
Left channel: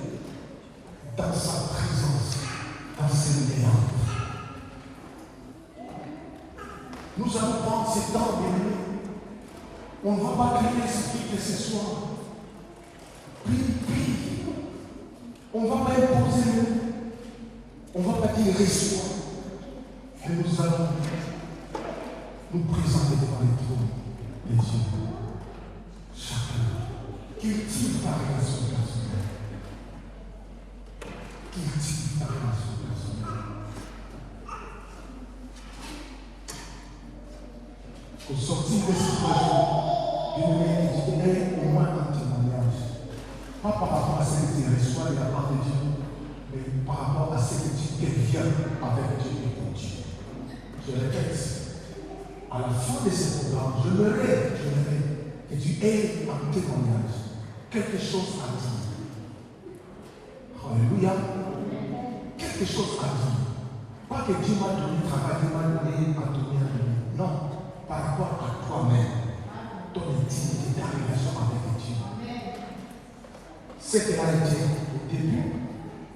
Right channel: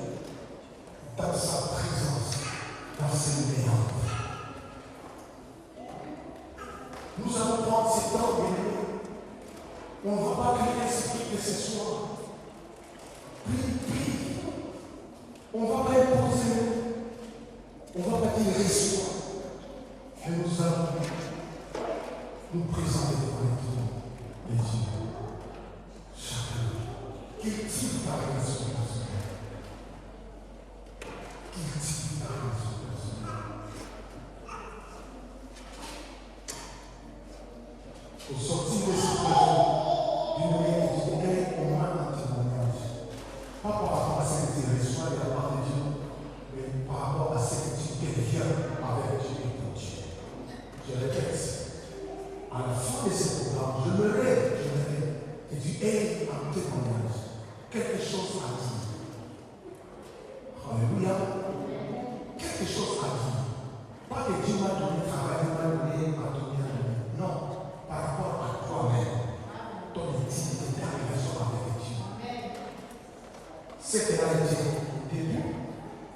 dans sa présence, dans ses méandres. Nous allons prendre ce temps de nous. On ne va pas créer l'esprit que ce soir. Prie. On ne va pas imposer nous. On ne va pas dire reçois. Mais nous allons nous présenter devant le trône de Dieu. Chacun. Cultive ta relation personnelle. Cultive ta relation personnelle. Au sortir de cette région, je donnerai au moins un témoignage. Pas par rapport à ce que tu reçois de la part de Dieu, mais par rapport à ce que tu deviens avec Dieu et pour Dieu. Je répète, à la fin de ce programme, je me rêve que tu aies un témoignage, quelque chose à dire. Alléluia. Quelque chose à dire. Pas que Dieu m'a donné le travail, Dieu m'a donné à donner. Non, par rapport à toi-même, ton intimité, ta relation avec Dieu. C'est qu'elle a été au début,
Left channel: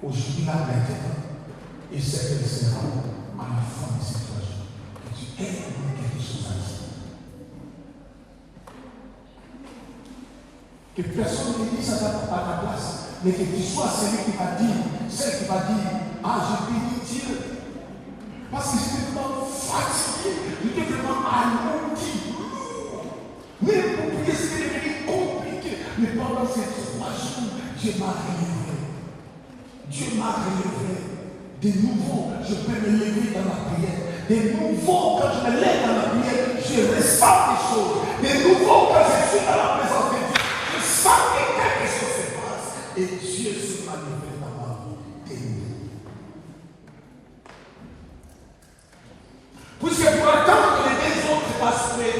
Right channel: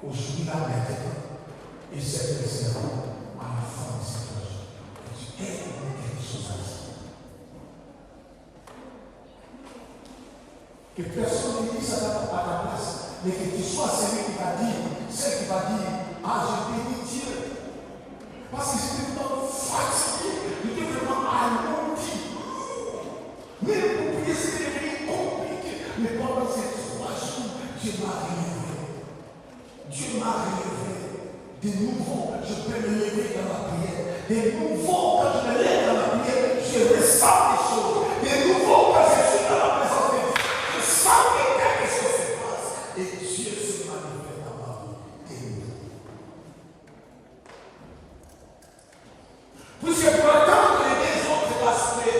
aujourd'hui la maintenant, et c'est qu'elle sera à la fin de cette journée. Que tu aies quelque chose à dire. Que personne ne dise ça à ta place, mais que tu sois celui qui va dire, celle qui va dire, ah, j'ai béni Dieu. Parce que j'étais vraiment fatigué, j'étais vraiment alourdi. Même pour prier, c'était devenu compliqué. Mais pendant ces 3 jours, Dieu m'a relevé. Dieu m'a relevé. De nouveau, je peux me lever dans la prière. De nouveau, quand je me lève dans la prière, je ressens des choses. De nouveau, quand je suis dans la présence de Dieu, je sens que quelque chose se passe. Et Dieu se manifeste dans ma vie. Puisque pour atteindre les 2 autres aspects,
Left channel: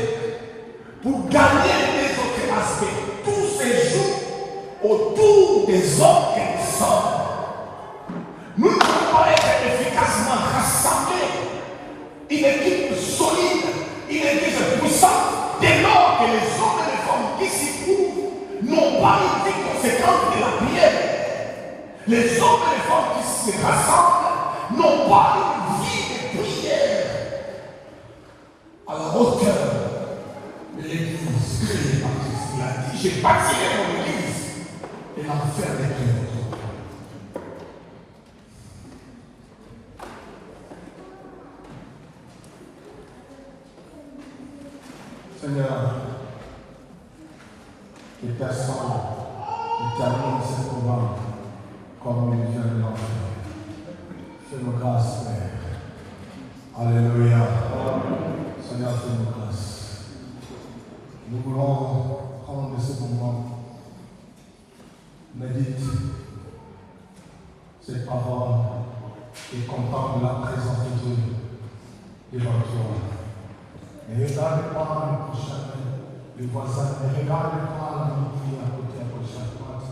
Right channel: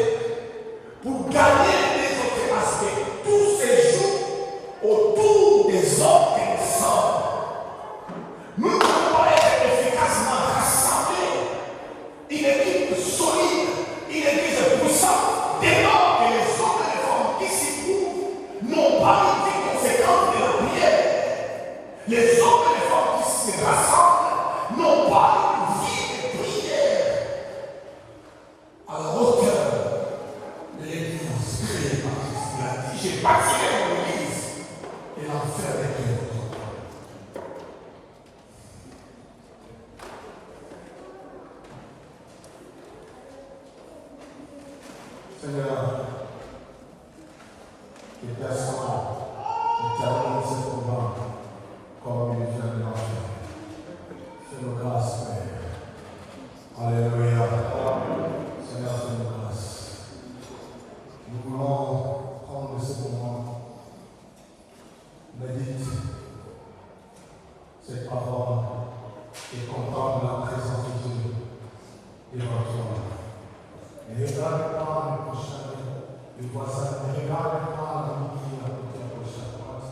pour gagner les 2 autres aspects, tous ces jours autour des hommes et des femmes, nous ne pouvons pas être efficacement rassemblés. Une équipe solide, une équipe puissante, dès lors que les hommes et les femmes qui s'y trouvent n'ont pas une vie conséquente de la prière. Les hommes et les femmes qui se rassemblent n'ont pas une vie de prière à la hauteur de l'église créée par Christ. Il a dit, j'ai bâti mon église et l'enfer est créé. Seigneur, que personne ne termine ce programme comme il vient de l'enfer. Fais-nous grâce, Père. Alléluia. Seigneur, fais-nous grâce. Nous voulons prendre ce moment, médite cette parole et contemple la présence de Dieu devant toi. Ne regarde pas le prochain, le voisin, ne regarde pas l'ami qui est à côté, à gauche, à droite.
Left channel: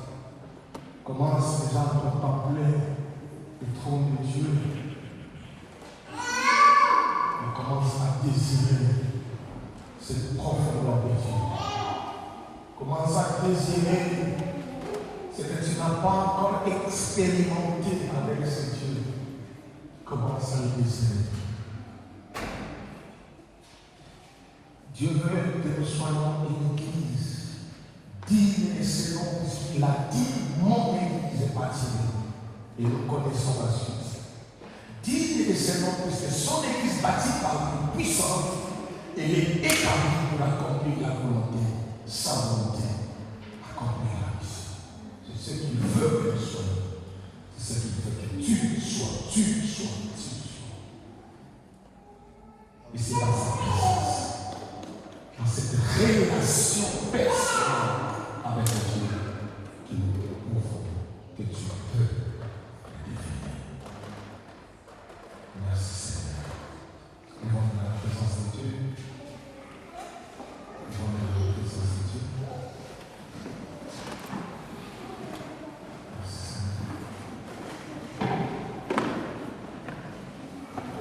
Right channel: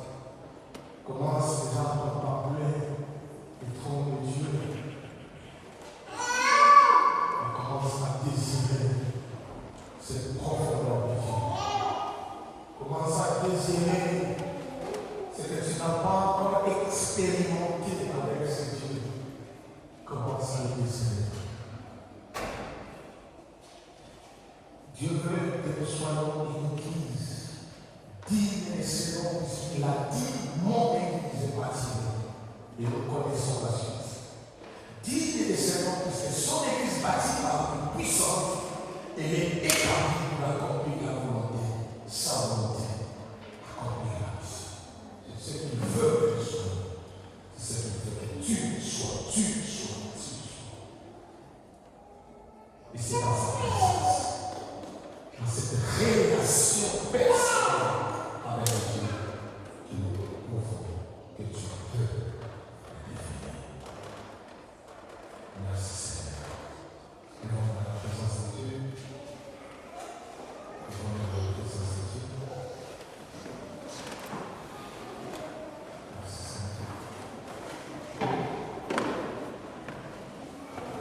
Commence déjà à contempler le trône de Dieu. Et commence à désirer cette profondeur de Dieu. Commence à désirer ce que tu n'as pas encore expérimenté avec ce Dieu. Commence à le désirer. Dieu veut que nous soyons une église digne et selon ce qu'il a dit, mon église est bâtie. Et nous connaissons la suite. Digne et selon puisque son église bâtie par la puissance, elle est établie pour accomplir la volonté, sa volonté, accomplir la mission. C'est ce qu'il veut que nous soyons. C'est ce qu'il veut que tu sois. Et c'est dans relation personnelle avec Dieu qu'il nous faut, que tu peux vivre. Merci Seigneur. Nous venons dans la présence de Dieu. Nous venons dans la présence de Dieu. Merci Seigneur.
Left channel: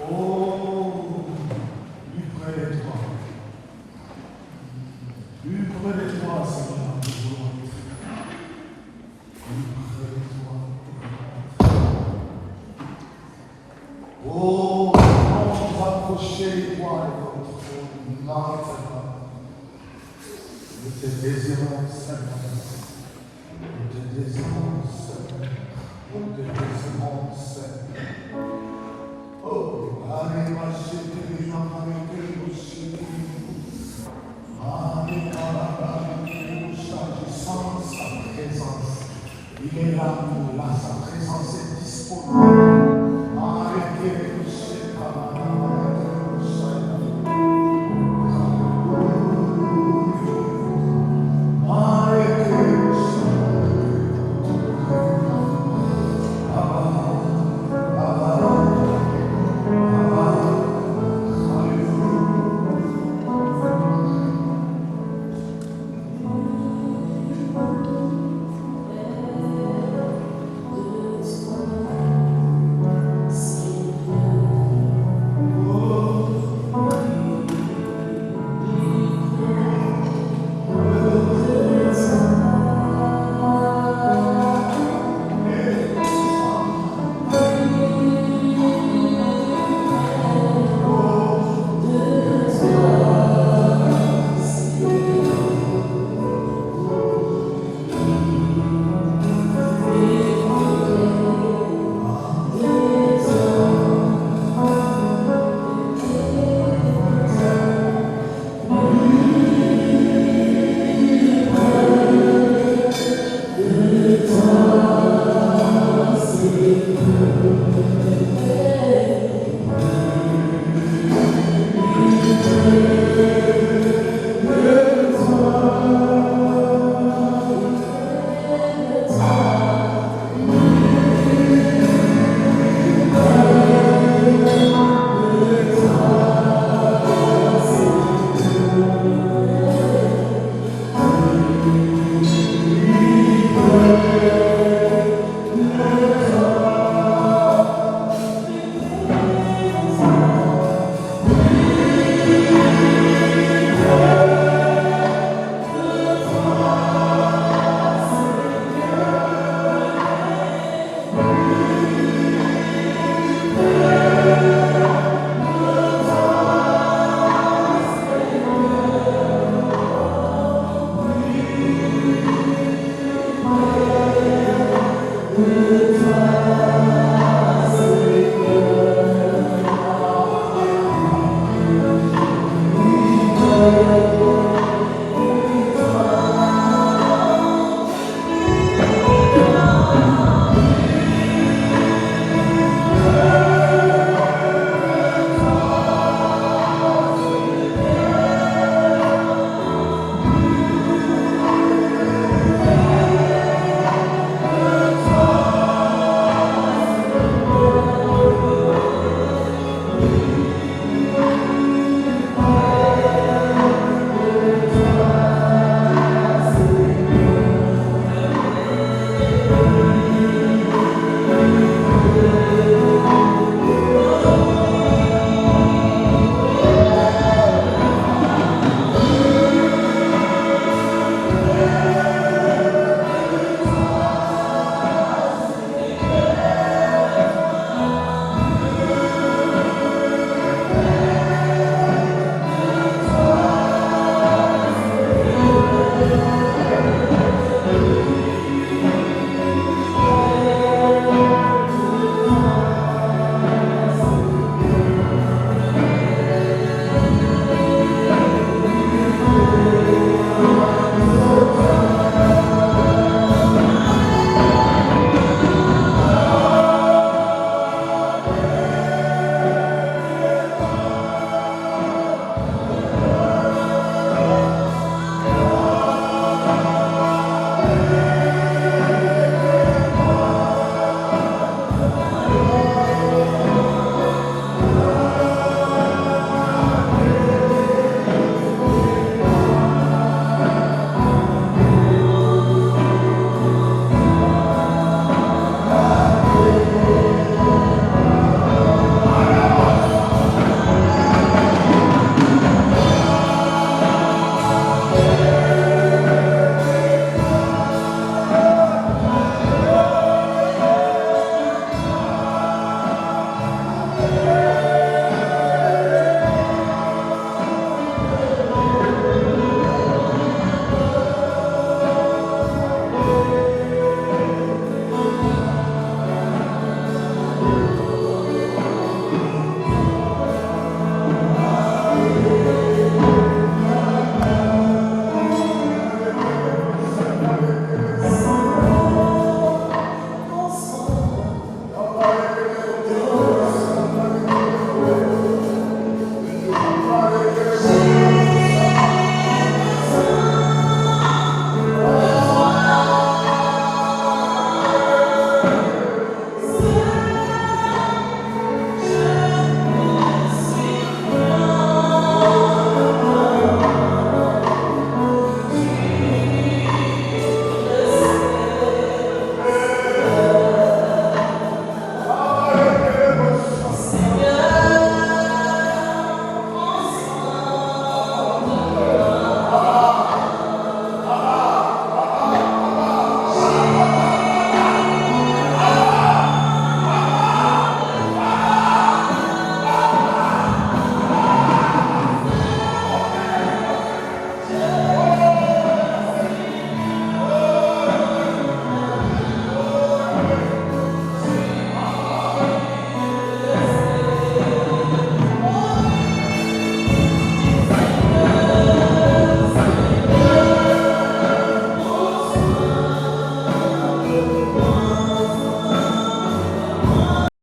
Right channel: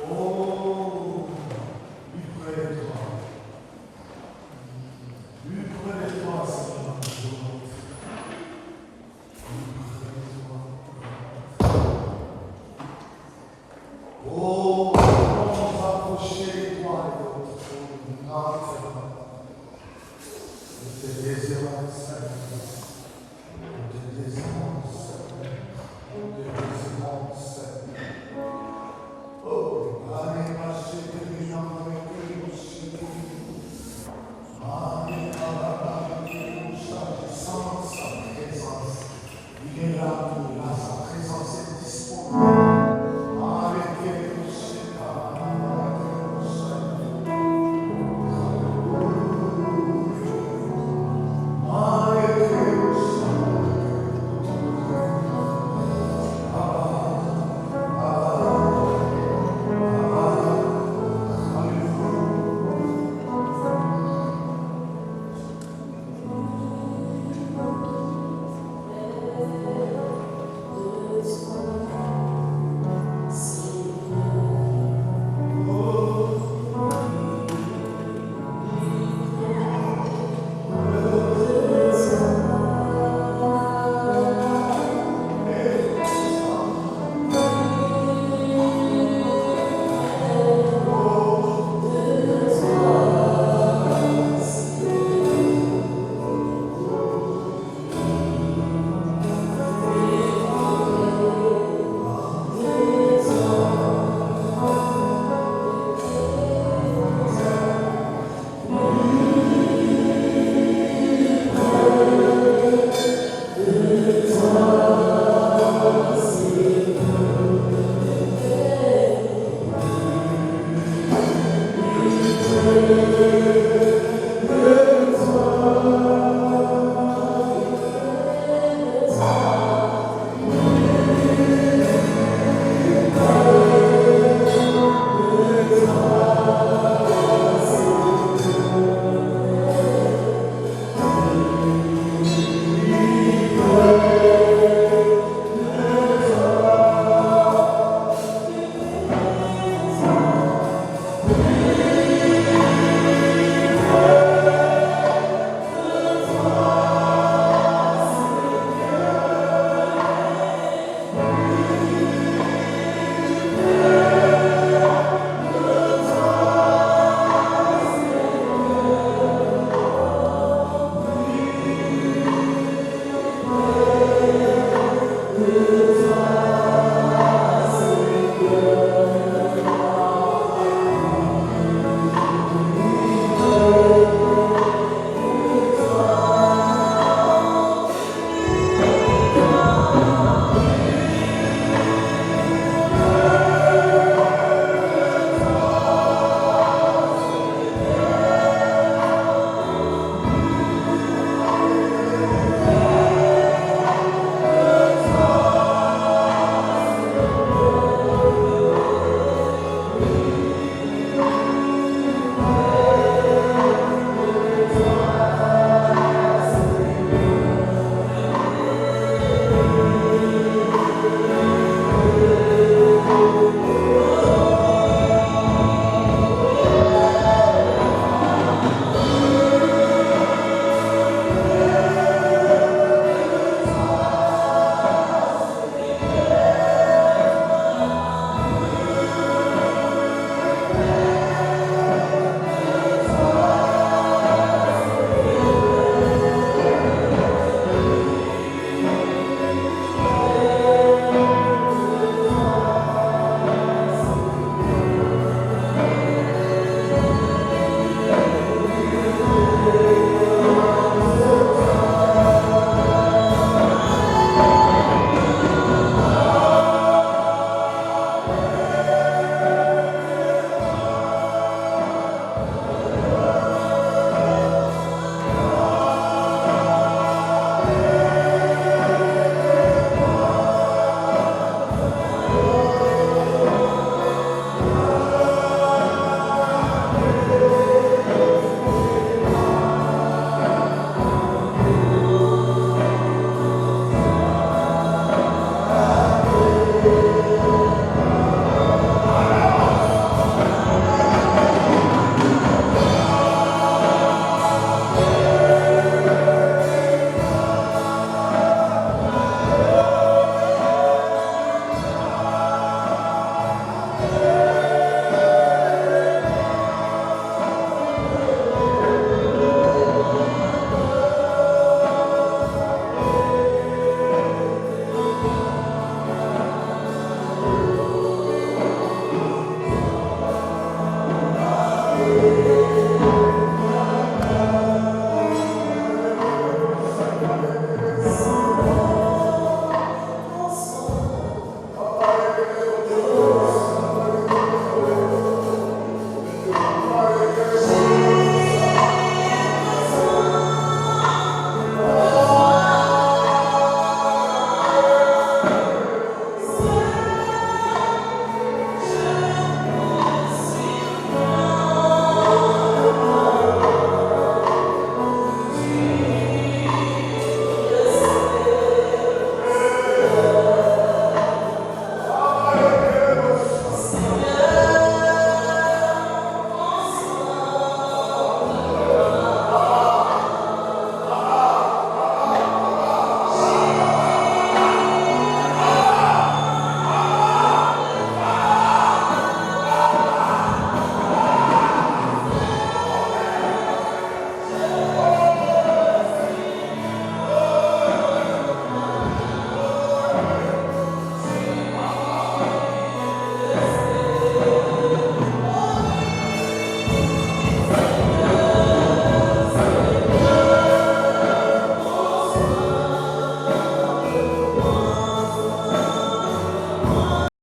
Oh, lui près de toi. Lui près de toi, Seigneur, dans le jour. Lui près de toi. Oh, comment nous approcher de toi avec notre trône. Nous te désirons, Seigneur. Nous te désirons, Seigneur. Nous te désirons, Seigneur. Oh, allez, marchez, que nous avons été aussi. Allez, nous changissons sa présence. Il est là, sa présence est disponible.